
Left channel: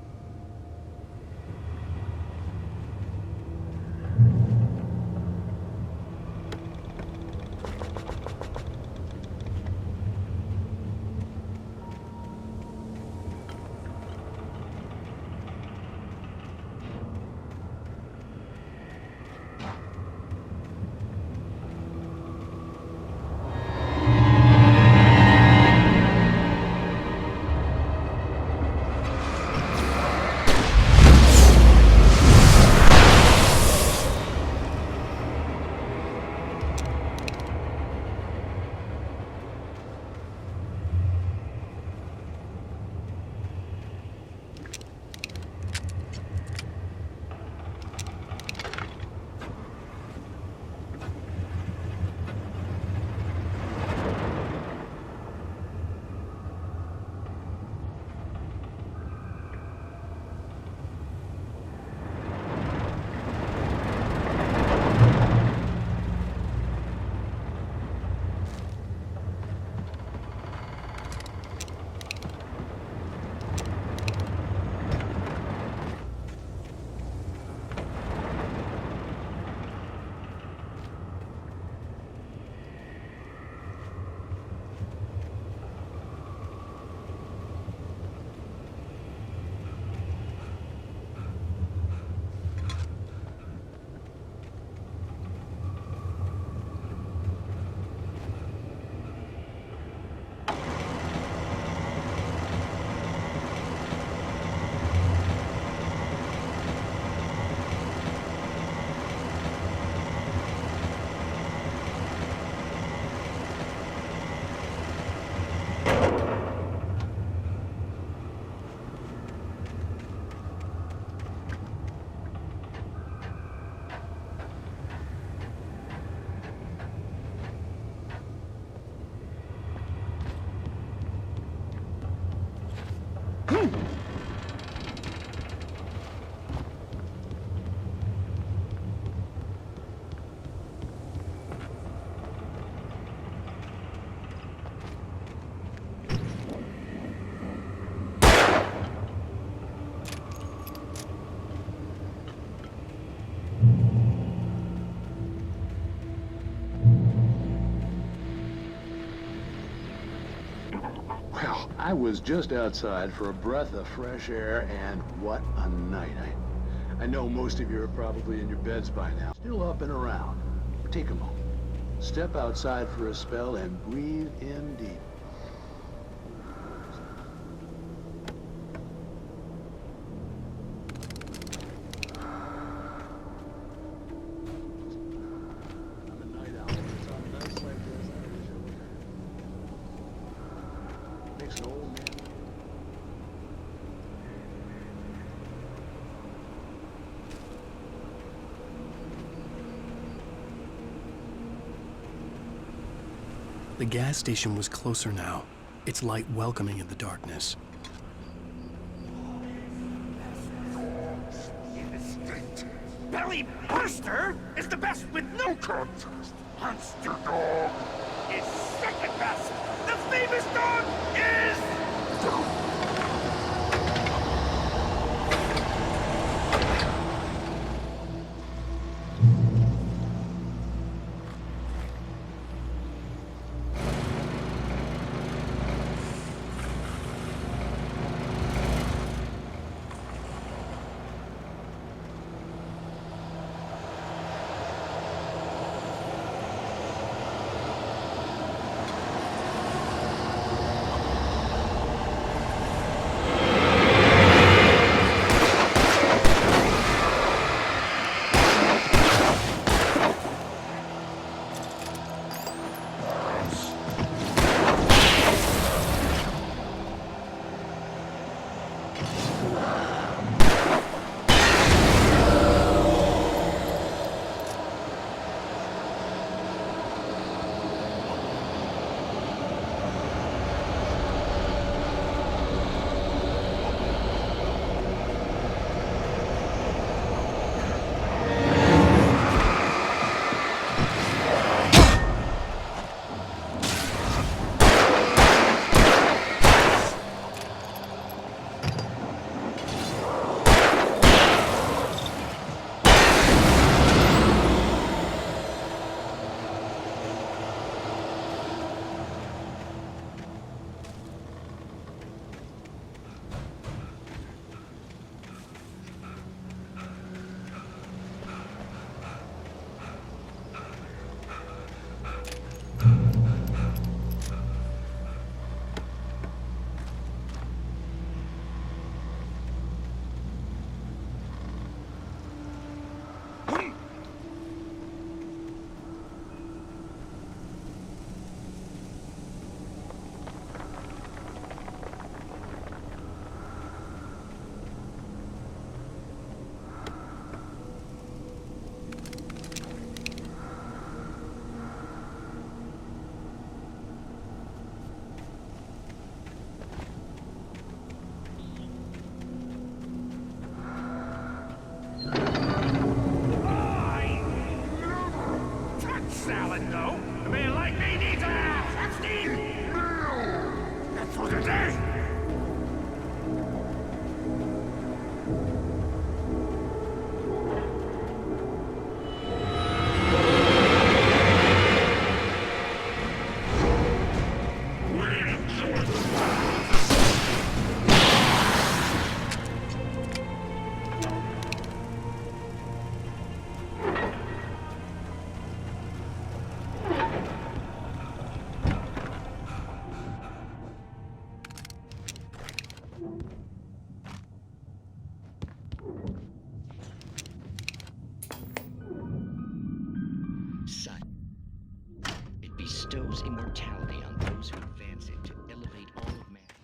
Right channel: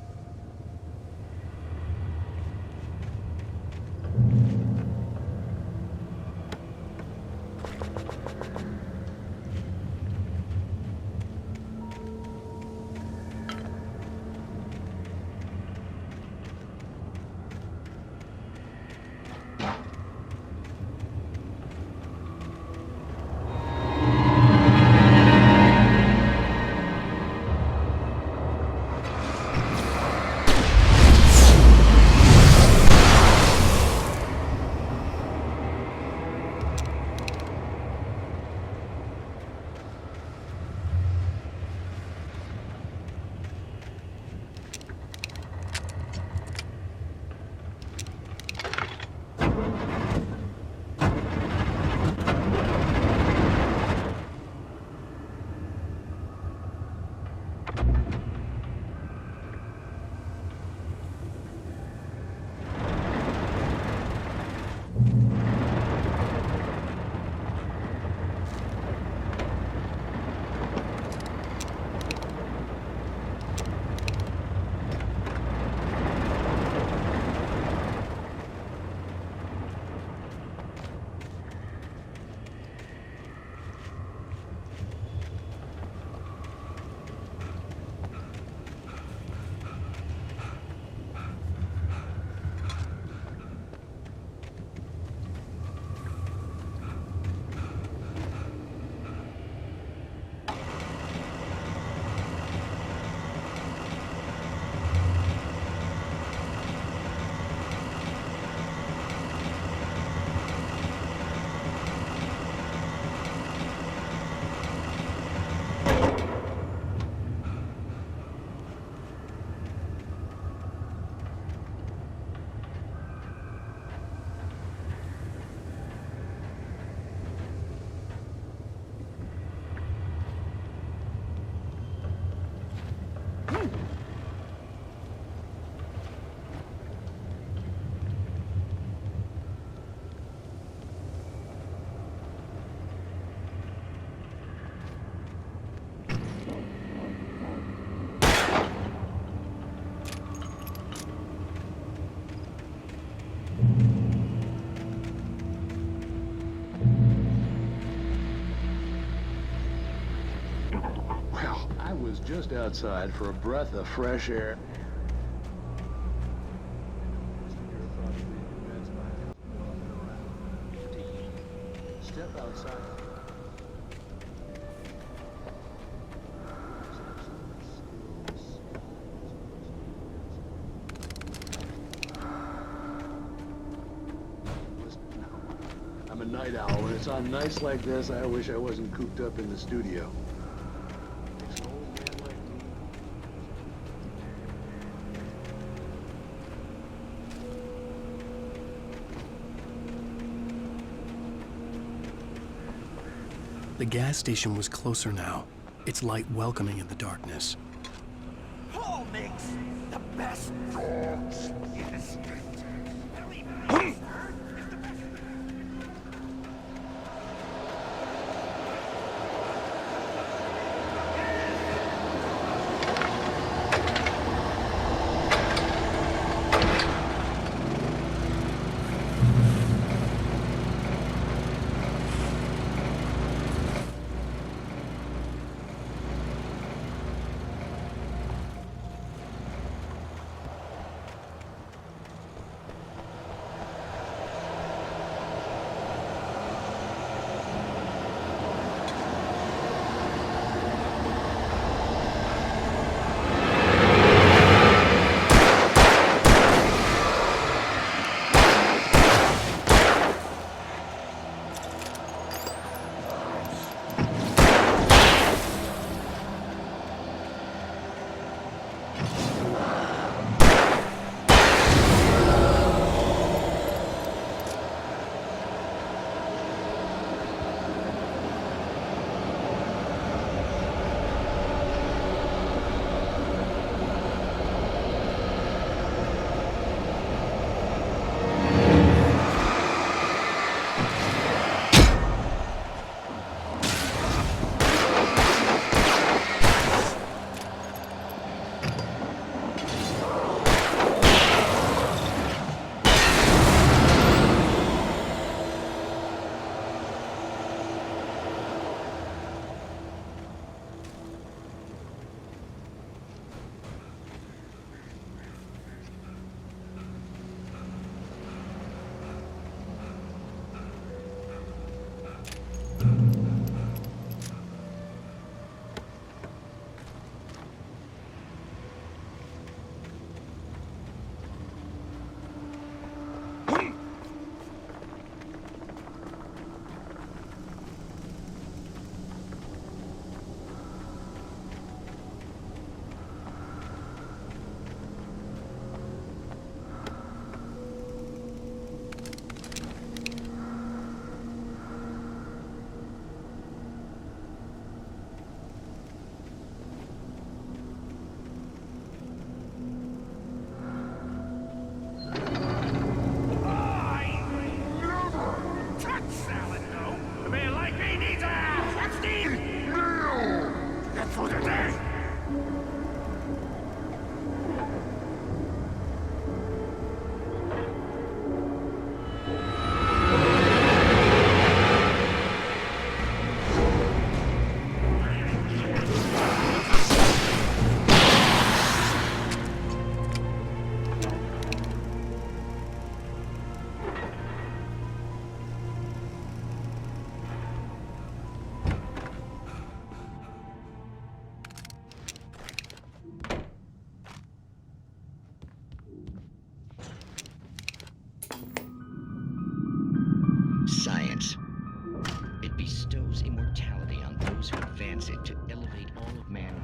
I was just outside for a breath of fresh air, and what a night. I know most of you are probably in your beds by now, still up and around. Take a moment. Step outside for a spell and breathe in deep. I'm a night owl. When it's on nights like this, I wish I wasn't cooped up in the studio. Makes an old man like me. The gas station was closer now, its light welcoming in the darkness. Paul makes the best dogs in the state. Belly Buster is the best with no contest. Monster Dog is second best. The famous dog is... salad, though. A man like me needs a hefty meal. That's for today. Science. It bestows immortality on those who advance it to elevate all of mankind.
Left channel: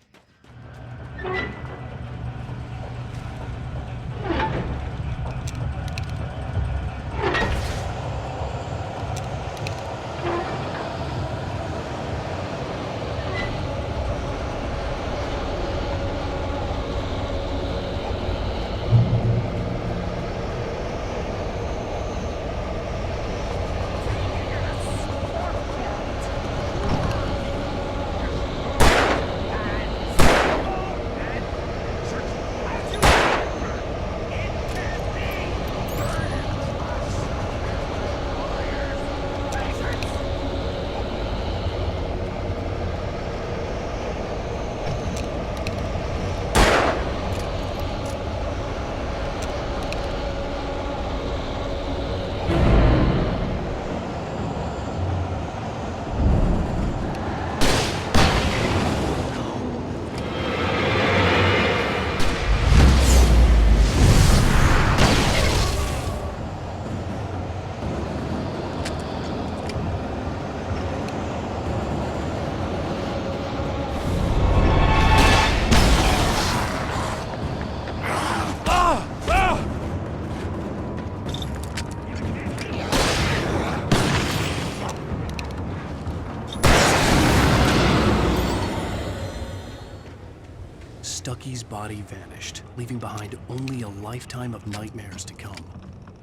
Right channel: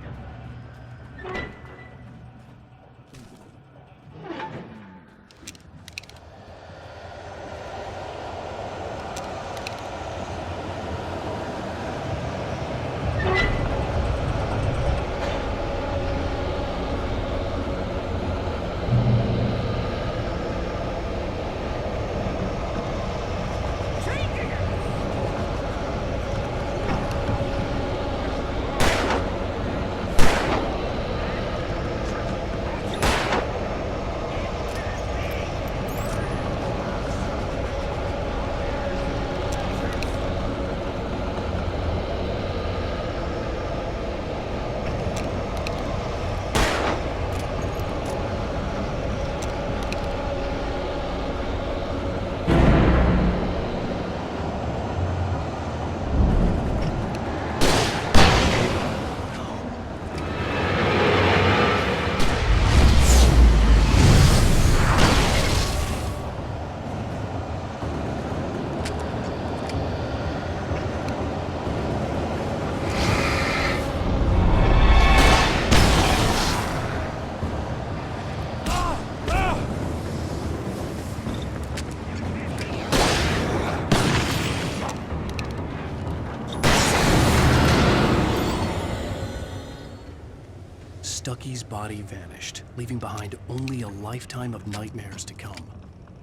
Stucky's body vanished, leaving behind only a lifetime of nightmares to come,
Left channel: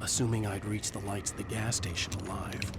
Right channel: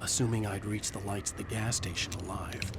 assuming I'd reach the lights at the gas station alive.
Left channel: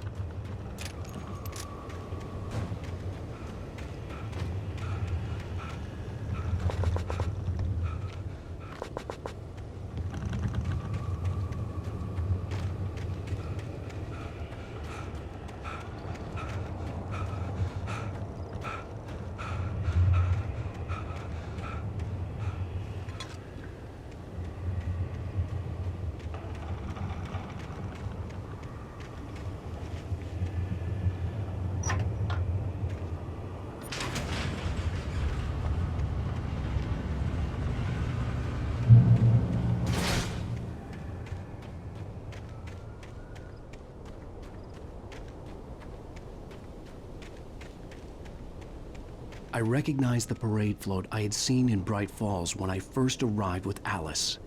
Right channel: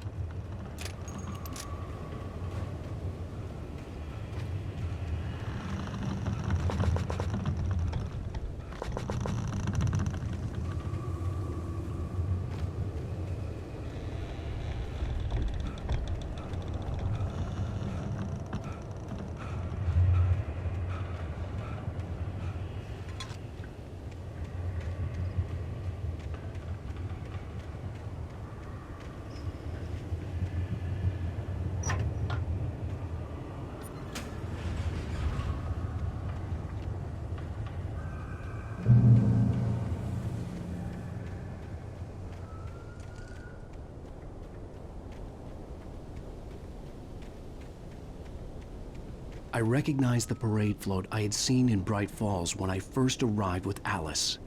I recognized the parade float I had seen in Bright Falls when I first arrived with Alice.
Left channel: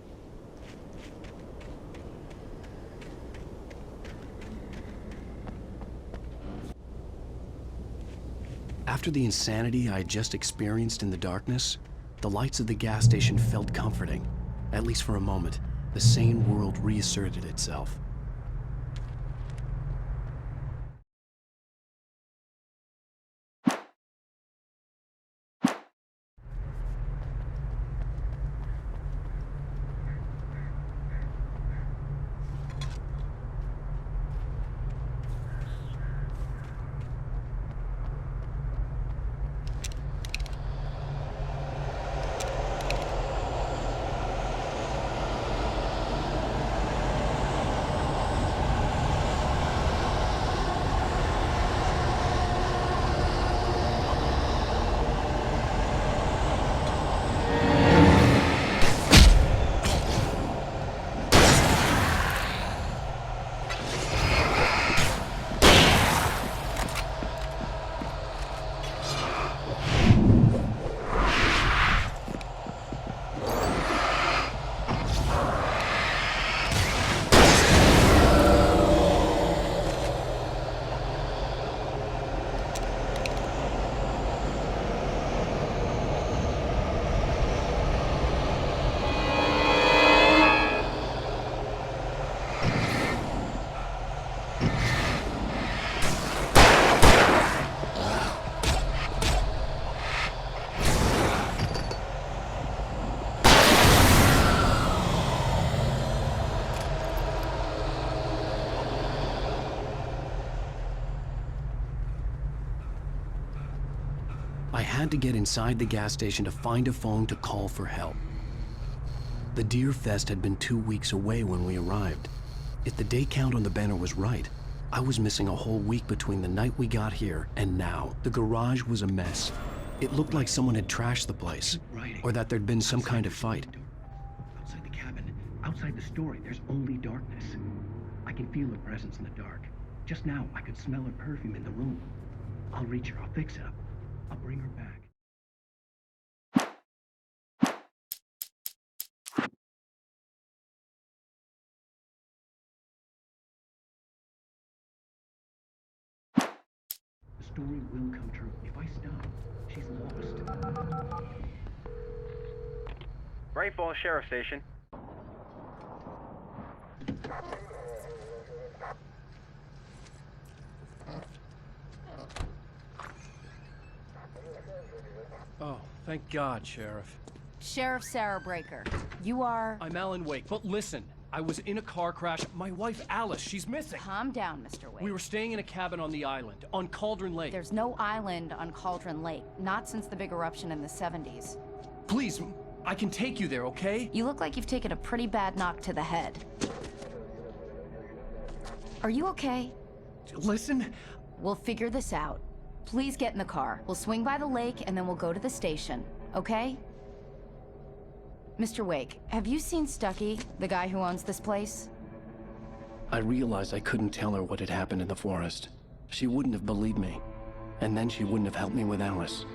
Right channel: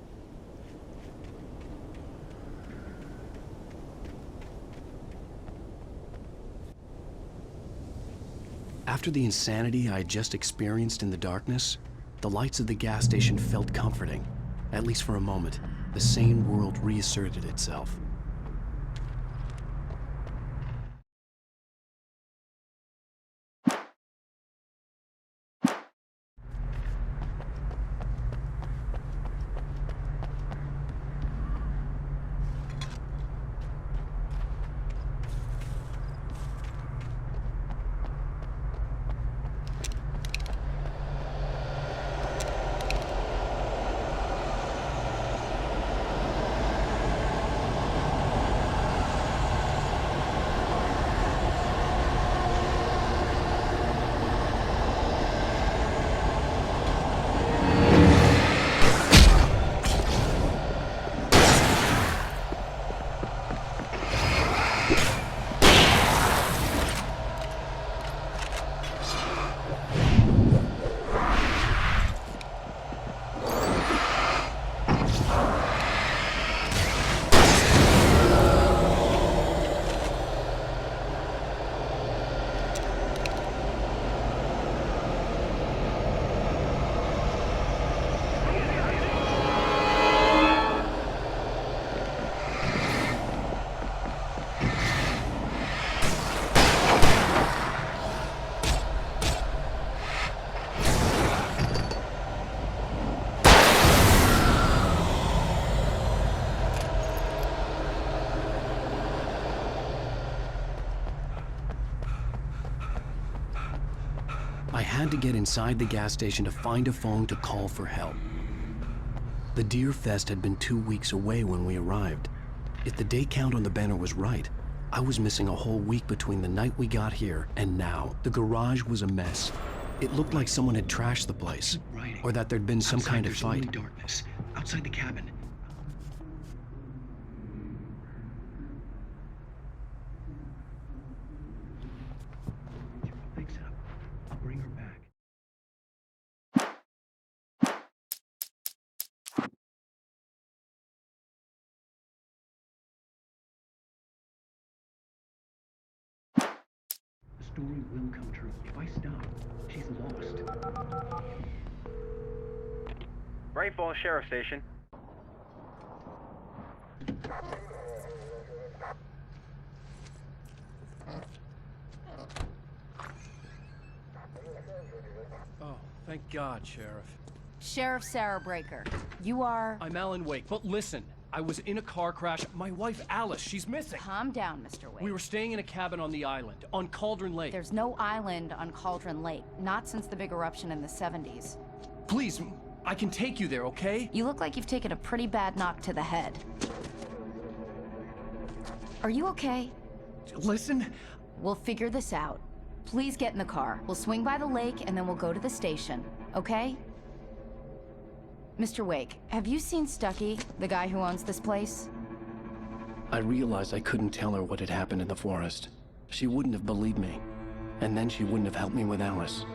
After the insanity I had just experienced in the darkness, the lights of the gas station felt comforting. At least for a moment, the sane world reasserted itself. I had to get inside the gas station to find a phone to call for help. The Deer Fest had been 2 weeks away when we arrived. If the day count on the banner was right, I was missing a whole week between the night we got here and now. The garage was a mess. It looked like someone had trashed the place, or that there'd been some kind of fight. Darkness. Outside the cabin, outside the story, there's only darkness. I can feel a presence in the dark. Just now, I could smell her perfume in the room. I'll reach her, I'll fix it up. I'll bring her back. The story will come true. If I stop, she's lost. Bright Falls Sheriff Station. Oh, thank God, Sheriff. Sheriff Sarah Breaker, you are... I'm Alan Wake, but listen, I was in a car crash. My wife, Alice, she's missing. Calm down, Mr. Wake. We were staying in a cabin on the island, on Cauldron Lake. There's no island on Cauldron Lake, not since the big eruption in the 70s. Please, I can take you there, okay? You look like you've taken a pretty bad knock to the head. Are you okay? Listen. We'll figure this out. Please get in the car. We'll swing by the lake and then we'll go to the station, okay? Mr. Wake, have you seen Stucky, the guy who owns this place? I realized I couldn't tell her what had happened in the forest. She wouldn't have believed me. And then she wouldn't have helped me with Alice.